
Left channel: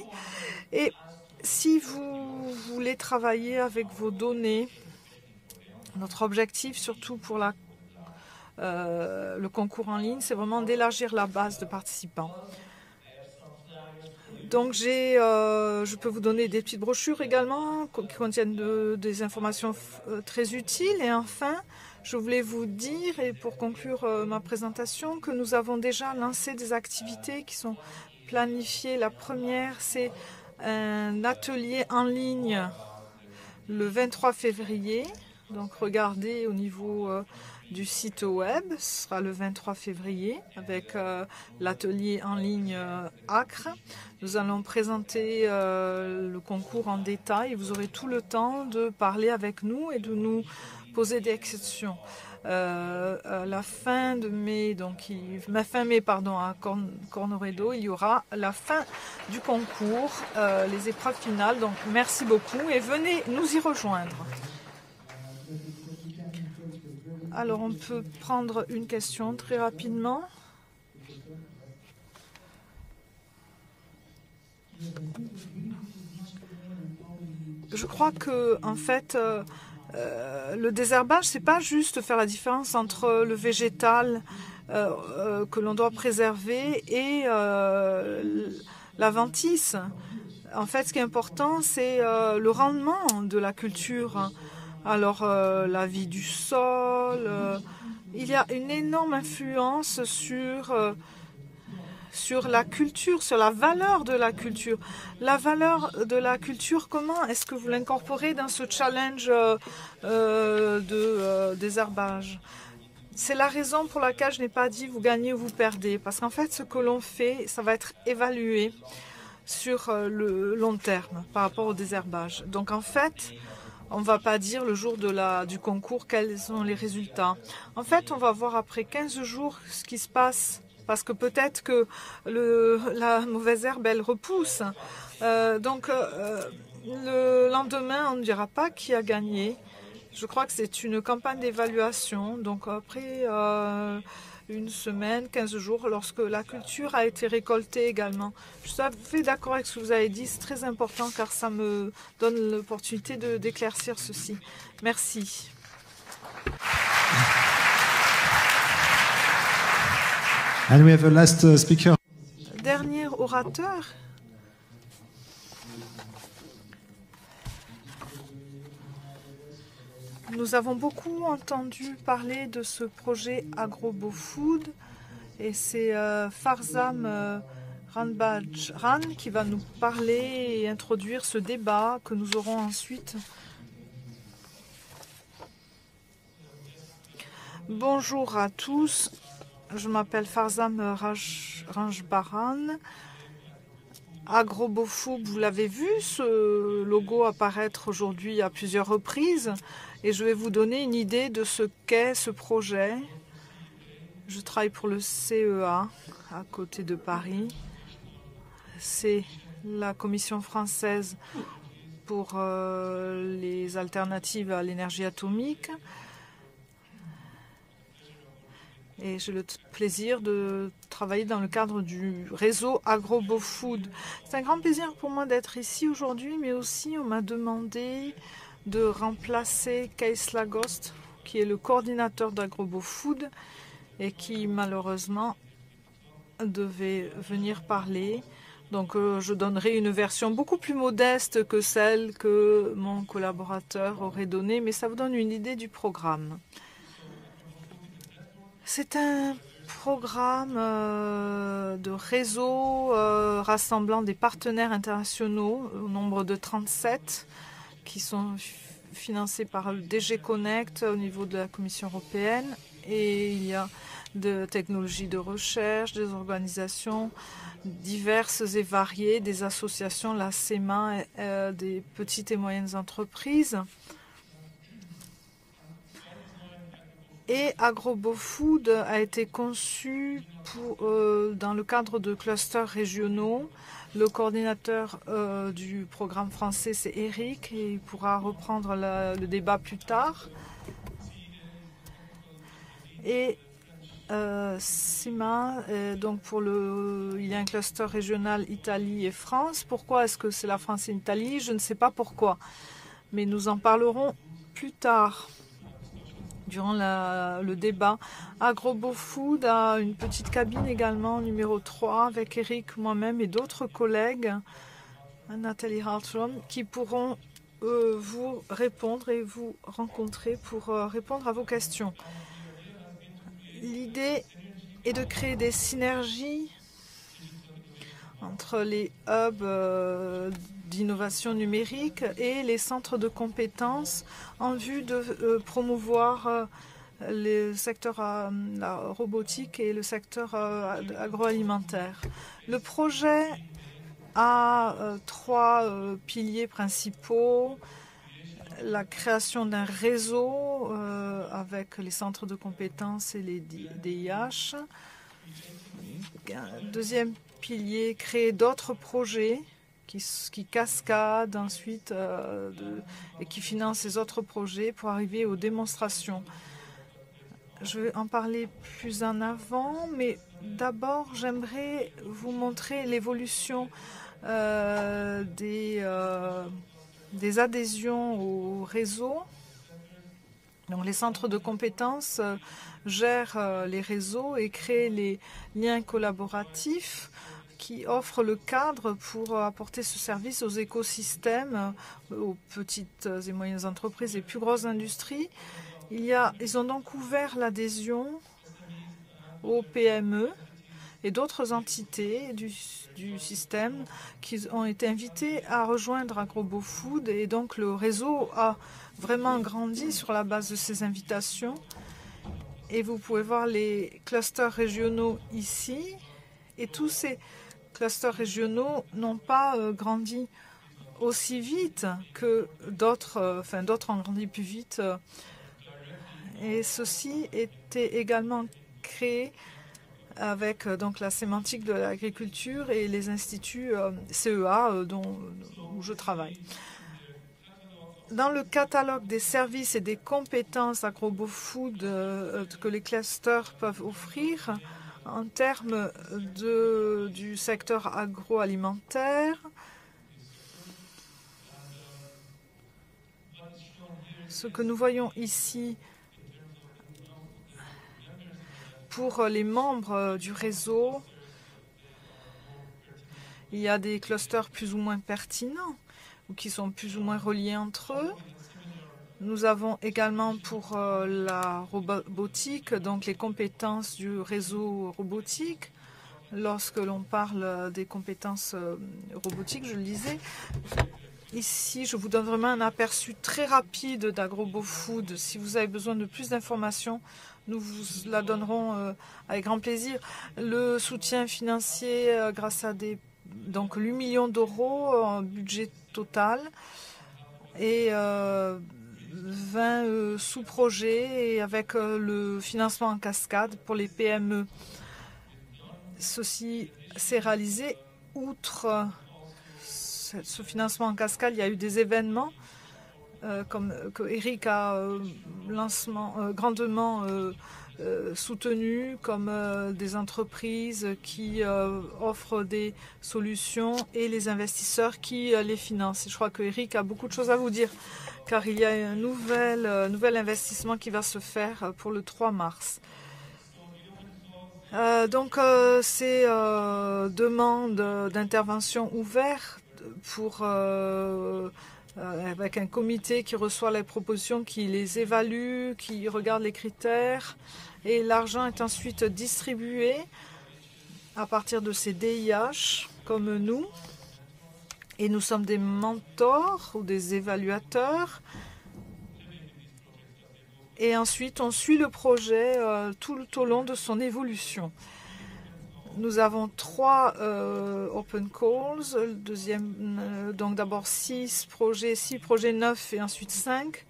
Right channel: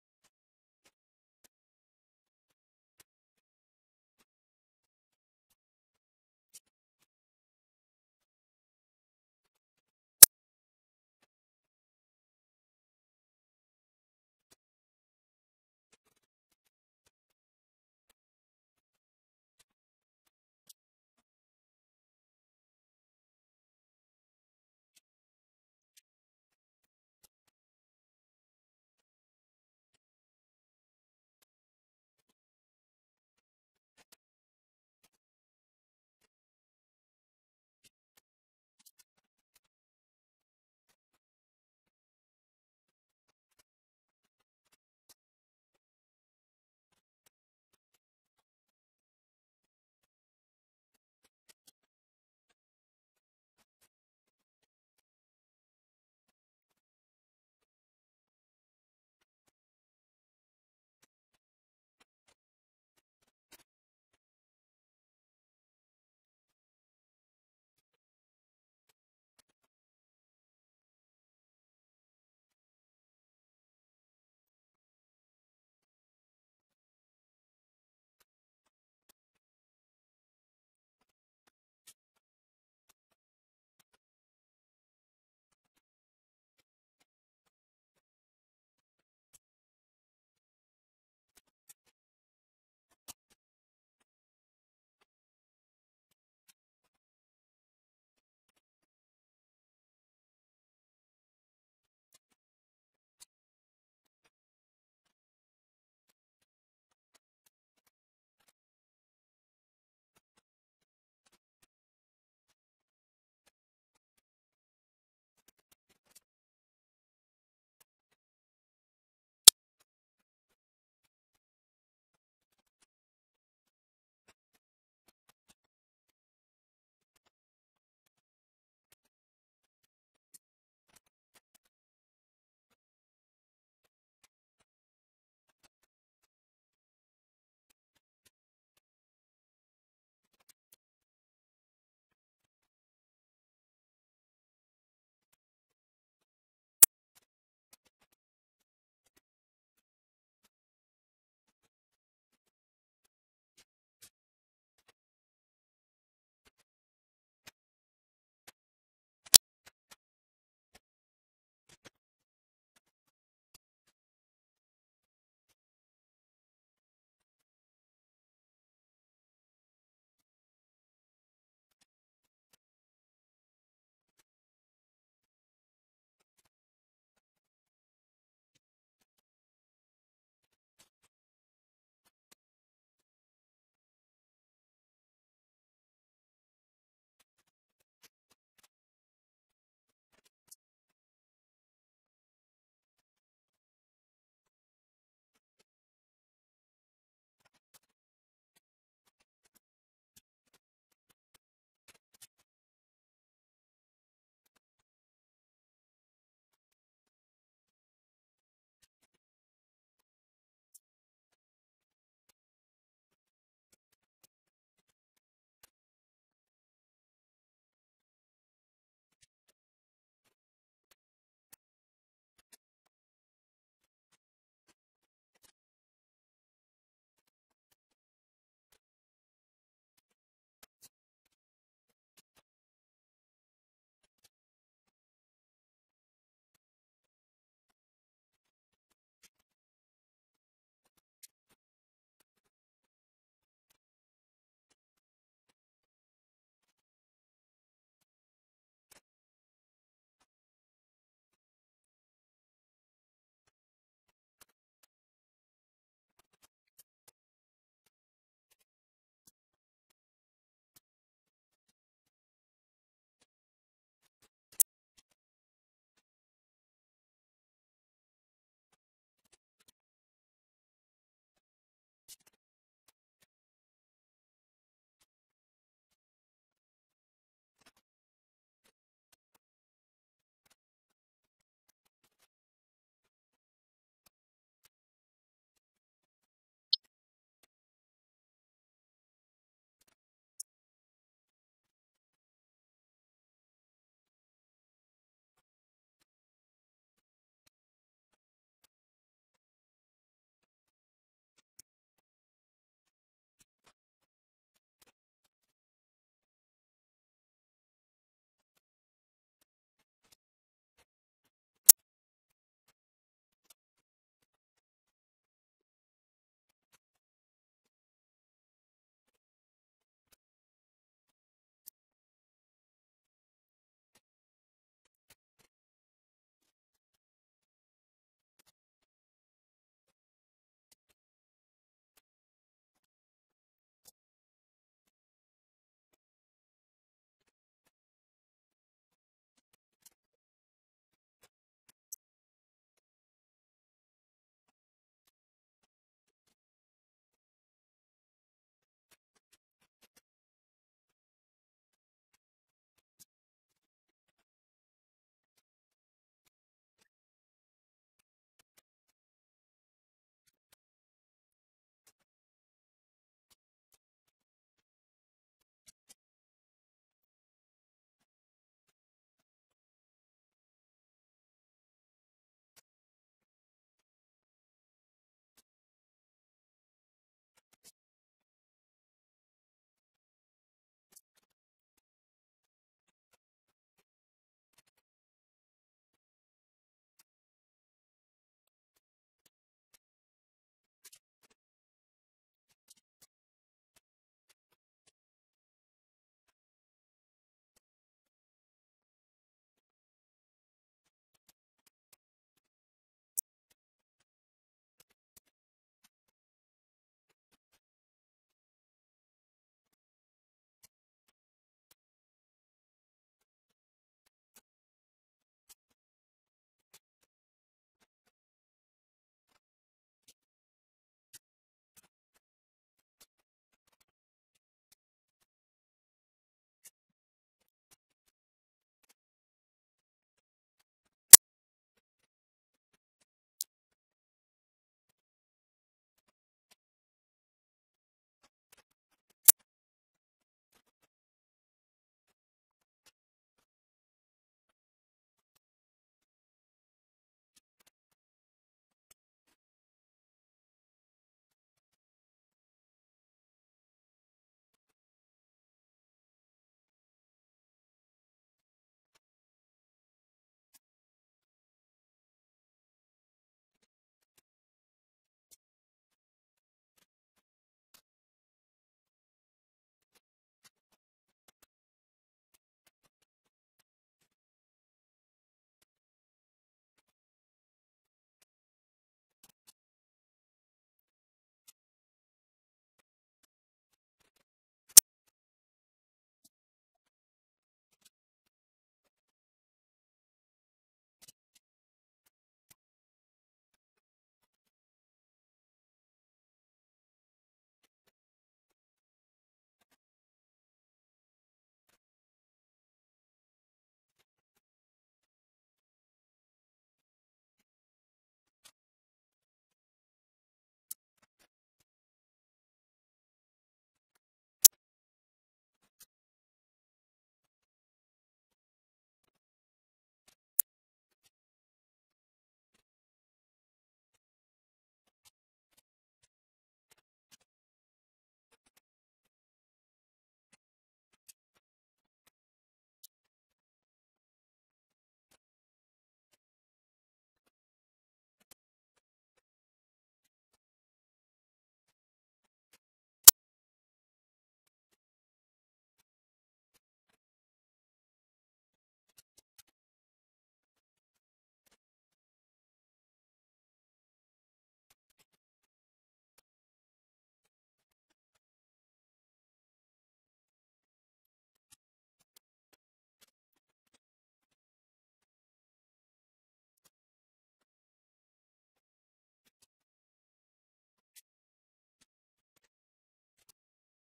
Et si vous voulez travailler avec vos données, notre objectif, surtout pour le concours en ligne, c'est vraiment d'élargir la base de participants. Donc je peux vous donner des petites brochures également qui contiennent des informations très utiles. Et enfin, je voulais vous dire, et pour conclure ma présentation, que nous avons déjà lancé des activités qui sont planifiées. La première, c'est un atelier en ligne le 23 février. Donc regardez au niveau du site web, ce sera le 23 février avec l'atelier en ligne Acre. Nous allons présenter le concours en détail et vous aurez tout le temps de parler avec nous et de nous poser des questions. À la fin de mai, fin mai à Cornoredo, il y aura la fin du concours, les épreuves finales. Donc merci beaucoup et venez nous y rejoindre. Alors, on peut prendre une question très rapidement. Je crois que, en fait, le désherbage, c'est pas juste faire la différence entre le végétal que l'on doit préserver et l'adventice. En fait, ce qui est important, c'est le rendement de la culture. Alors, la vie du sol, il y a une énorme influence sur la culture, sur la valeur de la culture. La valeur de la culture, comment est-ce que vous l'incorporez dans ce challenge de désherbage? C'est la raison pour laquelle je n'ai pas dit vous gagnez ou vous perdez. Parce qu'en fait, ce que l'on fait, ça va être évalué sur le long terme par rapport au désherbage. Donc, en fait, on ne va pas dire le jour du concours quels sont les résultats. En fait, on va voir après 15 jours ce qui se passe. Parce que peut-être que la mauvaise herbe, elle repousse. Donc, le lendemain, on ne dira pas qui a gagné. Je crois que c'est une campagne d'évaluation. Donc, après une semaine, 15 jours, lorsque la culture a été récoltée également. Je suis tout à fait d'accord avec ce que vous avez dit. C'est très important car ça me donne l'opportunité d'éclaircir ceci. Merci. And we have a last speaker. Dernier orateur. Nous avons beaucoup entendu parler de ce projet AgroBoFood et c'est Farzam Ranbajran qui va nous parler et introduire ce débat que nous aurons ensuite. Bonjour à tous, je m'appelle Farzam Ranbajran. AgroBoFood, vous l'avez vu, ce logo apparaître aujourd'hui à plusieurs reprises. Et je vais vous donner une idée de ce qu'est ce projet. Je travaille pour le CEA, à côté de Paris. C'est la Commission française pour les alternatives à l'énergie atomique. Et j'ai le plaisir de travailler dans le cadre du réseau AgroBoFood. C'est un grand plaisir pour moi d'être ici aujourd'hui, mais aussi on m'a demandé de remplacer Kees Lagost, qui est le coordinateur d'AgroBoFood et qui malheureusement devait venir parler. Donc je donnerai une version beaucoup plus modeste que celle que mon collaborateur aurait donnée, mais ça vous donne une idée du programme. C'est un programme de réseau rassemblant des partenaires internationaux au nombre de 37 qui sont financés par le DG Connect au niveau de la Commission européenne. Et il y a de technologies de recherche, des organisations diverses et variées, des associations, la CEMA, des petites et moyennes entreprises. Et AgroBoFood a été conçu dans le cadre de clusters régionaux. Le coordinateur du programme français, c'est Eric, et il pourra reprendre le débat plus tard. Et CIMA, donc il y a un cluster régional Italie et France. Pourquoi est-ce que c'est la France et l'Italie? Je ne sais pas pourquoi, mais nous en parlerons plus tard durant le débat. AgroBoFood a une petite cabine également, numéro 3, avec Eric, moi-même et d'autres collègues, Nathalie Hartrum, qui pourront vous répondre et vous rencontrer pour répondre à vos questions. L'idée est de créer des synergies entre les hubs d'innovation numérique et les centres de compétences en vue de promouvoir le secteur la robotique et le secteur agroalimentaire. Le projet a 3 piliers principaux. La création d'un réseau avec les centres de compétences et les DIH. Deuxième pilier, créer d'autres projets qui cascadent ensuite et qui financent ces autres projets pour arriver aux démonstrations. Je vais en parler plus en avant, mais d'abord j'aimerais vous montrer l'évolution des adhésions au réseau. Donc les centres de compétences gèrent les réseaux et créent les liens collaboratifs qui offrent le cadre pour apporter ce service aux écosystèmes, aux petites et moyennes entreprises et plus grosses industries. Ils ont donc ouvert l'adhésion aux PME et d'autres entités du système qui ont été invitées à rejoindre AgroBoFood, et donc le réseau a vraiment grandi sur la base de ces invitations. Et vous pouvez voir les clusters régionaux ici, et tous ces clusters régionaux n'ont pas grandi aussi vite que d'autres, d'autres ont grandi plus vite. Et ceci était également créé avec donc la sémantique de l'agriculture et les instituts CEA où je travaille. Dans le catalogue des services et des compétences AgroBoFood que les clusters peuvent offrir en termes du secteur agroalimentaire, ce que nous voyons ici pour les membres du réseau, il y a des clusters plus ou moins pertinents ou qui sont plus ou moins reliés entre eux. Nous avons également pour la robotique, donc les compétences du réseau robotique. Lorsque l'on parle des compétences robotiques, je le disais, ici je vous donne vraiment un aperçu très rapide d'AgroBoFood. Si vous avez besoin de plus d'informations, nous vous la donnerons avec grand plaisir. Le soutien financier grâce à donc 8 millions d'euros en budget total et 20 sous-projets et avec le financement en cascade pour les PME. Ceci s'est réalisé outre ce financement en cascade. Il y a eu des événements comme que Eric a grandement soutenu, comme des entreprises qui offrent des solutions et les investisseurs qui les financent. Je crois que Eric a beaucoup de choses à vous dire, car il y a un nouvel investissement qui va se faire pour le 3 mars. Donc ces demandes d'intervention ouvertes avec un comité qui reçoit les propositions, qui les évalue, qui regarde les critères et l'argent est ensuite distribué à partir de ces DIH comme nous. Et nous sommes des mentors ou des évaluateurs. Et ensuite, on suit le projet tout au long de son évolution. Nous avons 3 open calls. Donc d'abord 6 projets neufs et ensuite 5.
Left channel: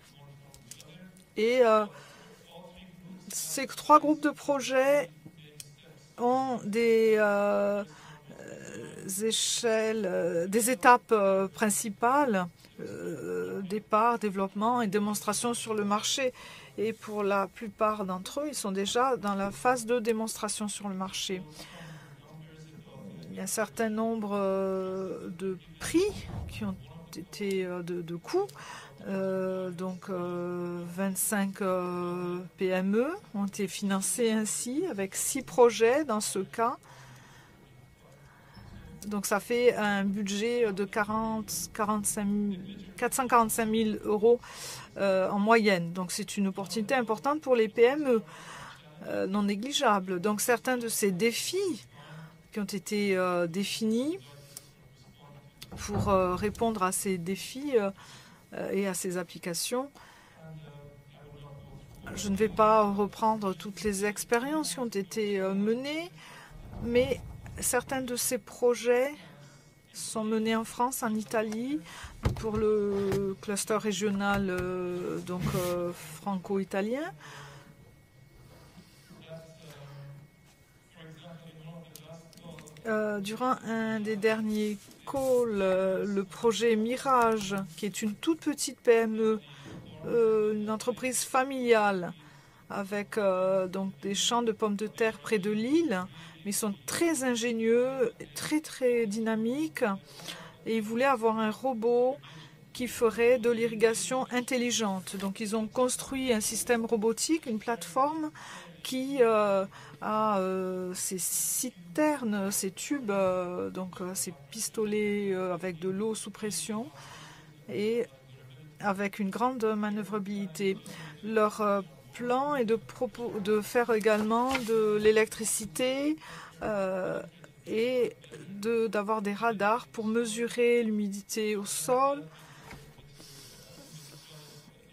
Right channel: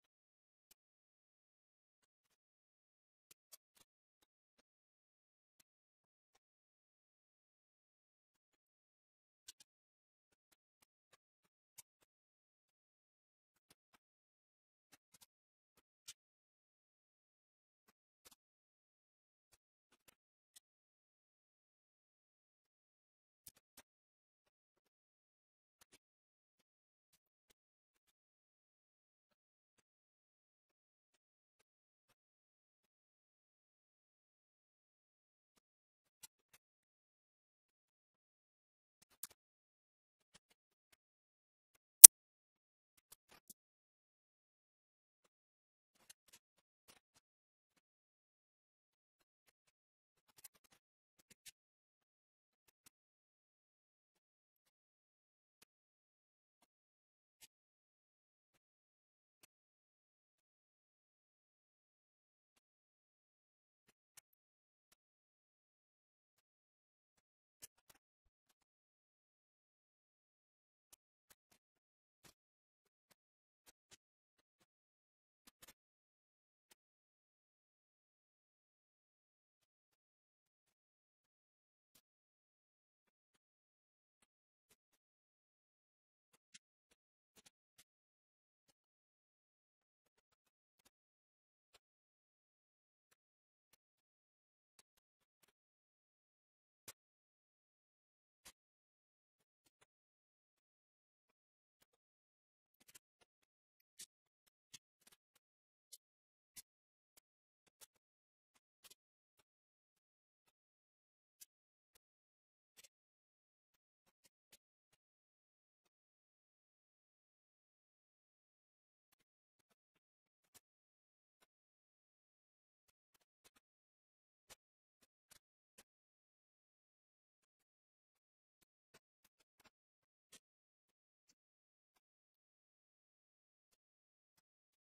Et ces 3 groupes de projets ont des étapes principales, départ, développement et démonstration sur le marché. Et pour la plupart d'entre eux, ils sont déjà dans la phase de démonstration sur le marché. Il y a un certain nombre de prix qui ont été de coûts. Donc 25 PME ont été financés ainsi, avec 6 projets dans ce cas. Donc ça fait un budget de 445 000 euros en moyenne. Donc c'est une opportunité importante pour les PME, non négligeable. Donc certains de ces défis qui ont été définis pour répondre à ces défis et à ces applications. Je ne vais pas reprendre toutes les expériences qui ont été menées, mais certains de ces projets sont menés en France, en Italie, pour le cluster régional franco-italien. Durant un des derniers calls, le projet Mirage, qui est une toute petite PME, une entreprise familiale, avec donc des champs de pommes de terre près de Lille, mais ils sont très ingénieux, très dynamiques, et ils voulaient avoir un robot qui ferait de l'irrigation intelligente. Donc ils ont construit un système robotique, une plateforme qui a ces citernes, ces tubes, ces pistolets avec de l'eau sous pression et avec une grande manœuvrabilité. Leur plan est de faire également de l'électricité et d'avoir des radars pour mesurer l'humidité au sol,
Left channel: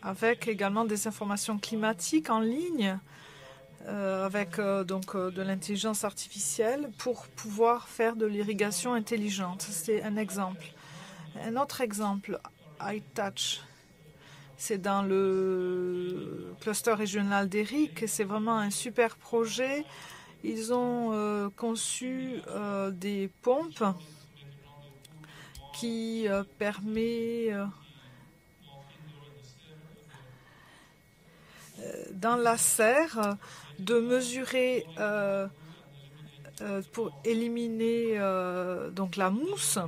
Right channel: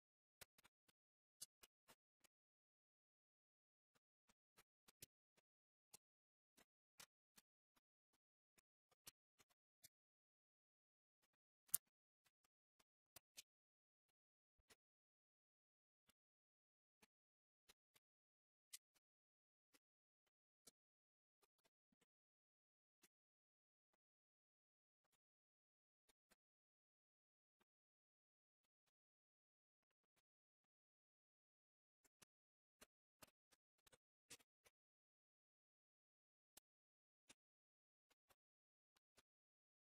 avec également des informations climatiques en ligne, avec de l'intelligence artificielle pour pouvoir faire de l'irrigation intelligente. C'est un exemple. Un autre exemple, iTouch, c'est dans le cluster régional d'Éric et c'est vraiment un super projet. Ils ont conçu des pompes qui permet dans la serre de mesurer pour éliminer donc la mousse.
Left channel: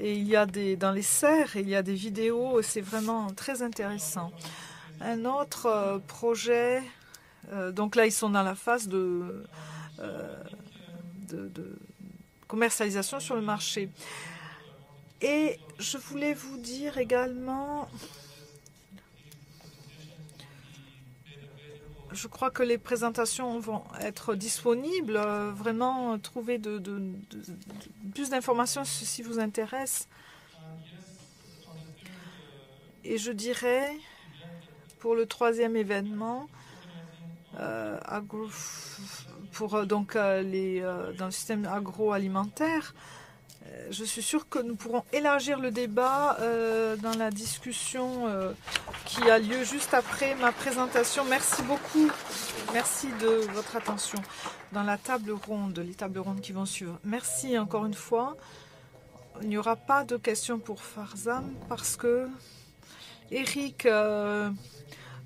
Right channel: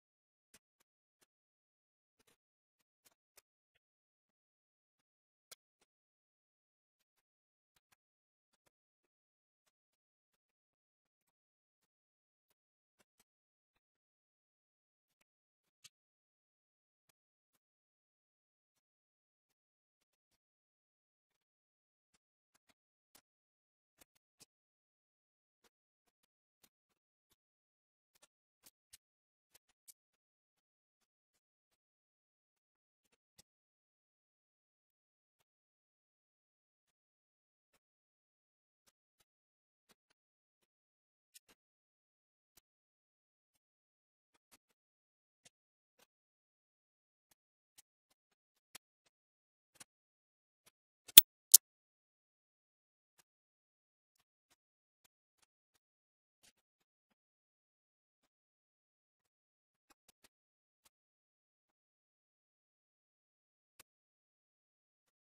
Et il y a dans les serres, il y a des vidéos, c'est vraiment très intéressant. Un autre projet, donc là ils sont dans la phase de commercialisation sur le marché. Et je voulais vous dire également, je crois que les présentations vont être disponibles. Vraiment, trouver plus d'informations si ceci vous intéresse. Et je dirais, pour le 3e événement, dans le système agroalimentaire, je suis sûre que nous pourrons élargir le débat dans la discussion qui a lieu juste après ma présentation. Merci beaucoup. Merci de votre attention dans la table ronde, les tables rondes qui vont suivre. Merci encore une fois. Il n'y aura pas de questions pour Farzam parce que Eric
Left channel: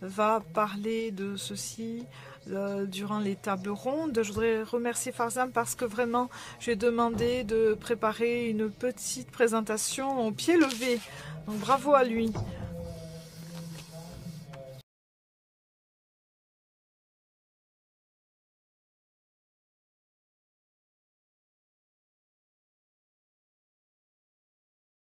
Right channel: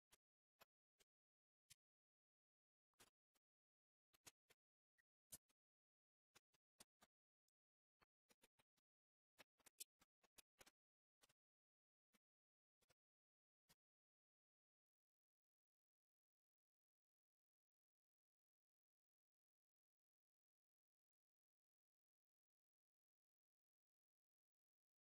va parler de ceci durant les tables rondes. Je voudrais remercier Farzam parce que vraiment, j'ai demandé de préparer une petite présentation au pied levé. Donc bravo à lui.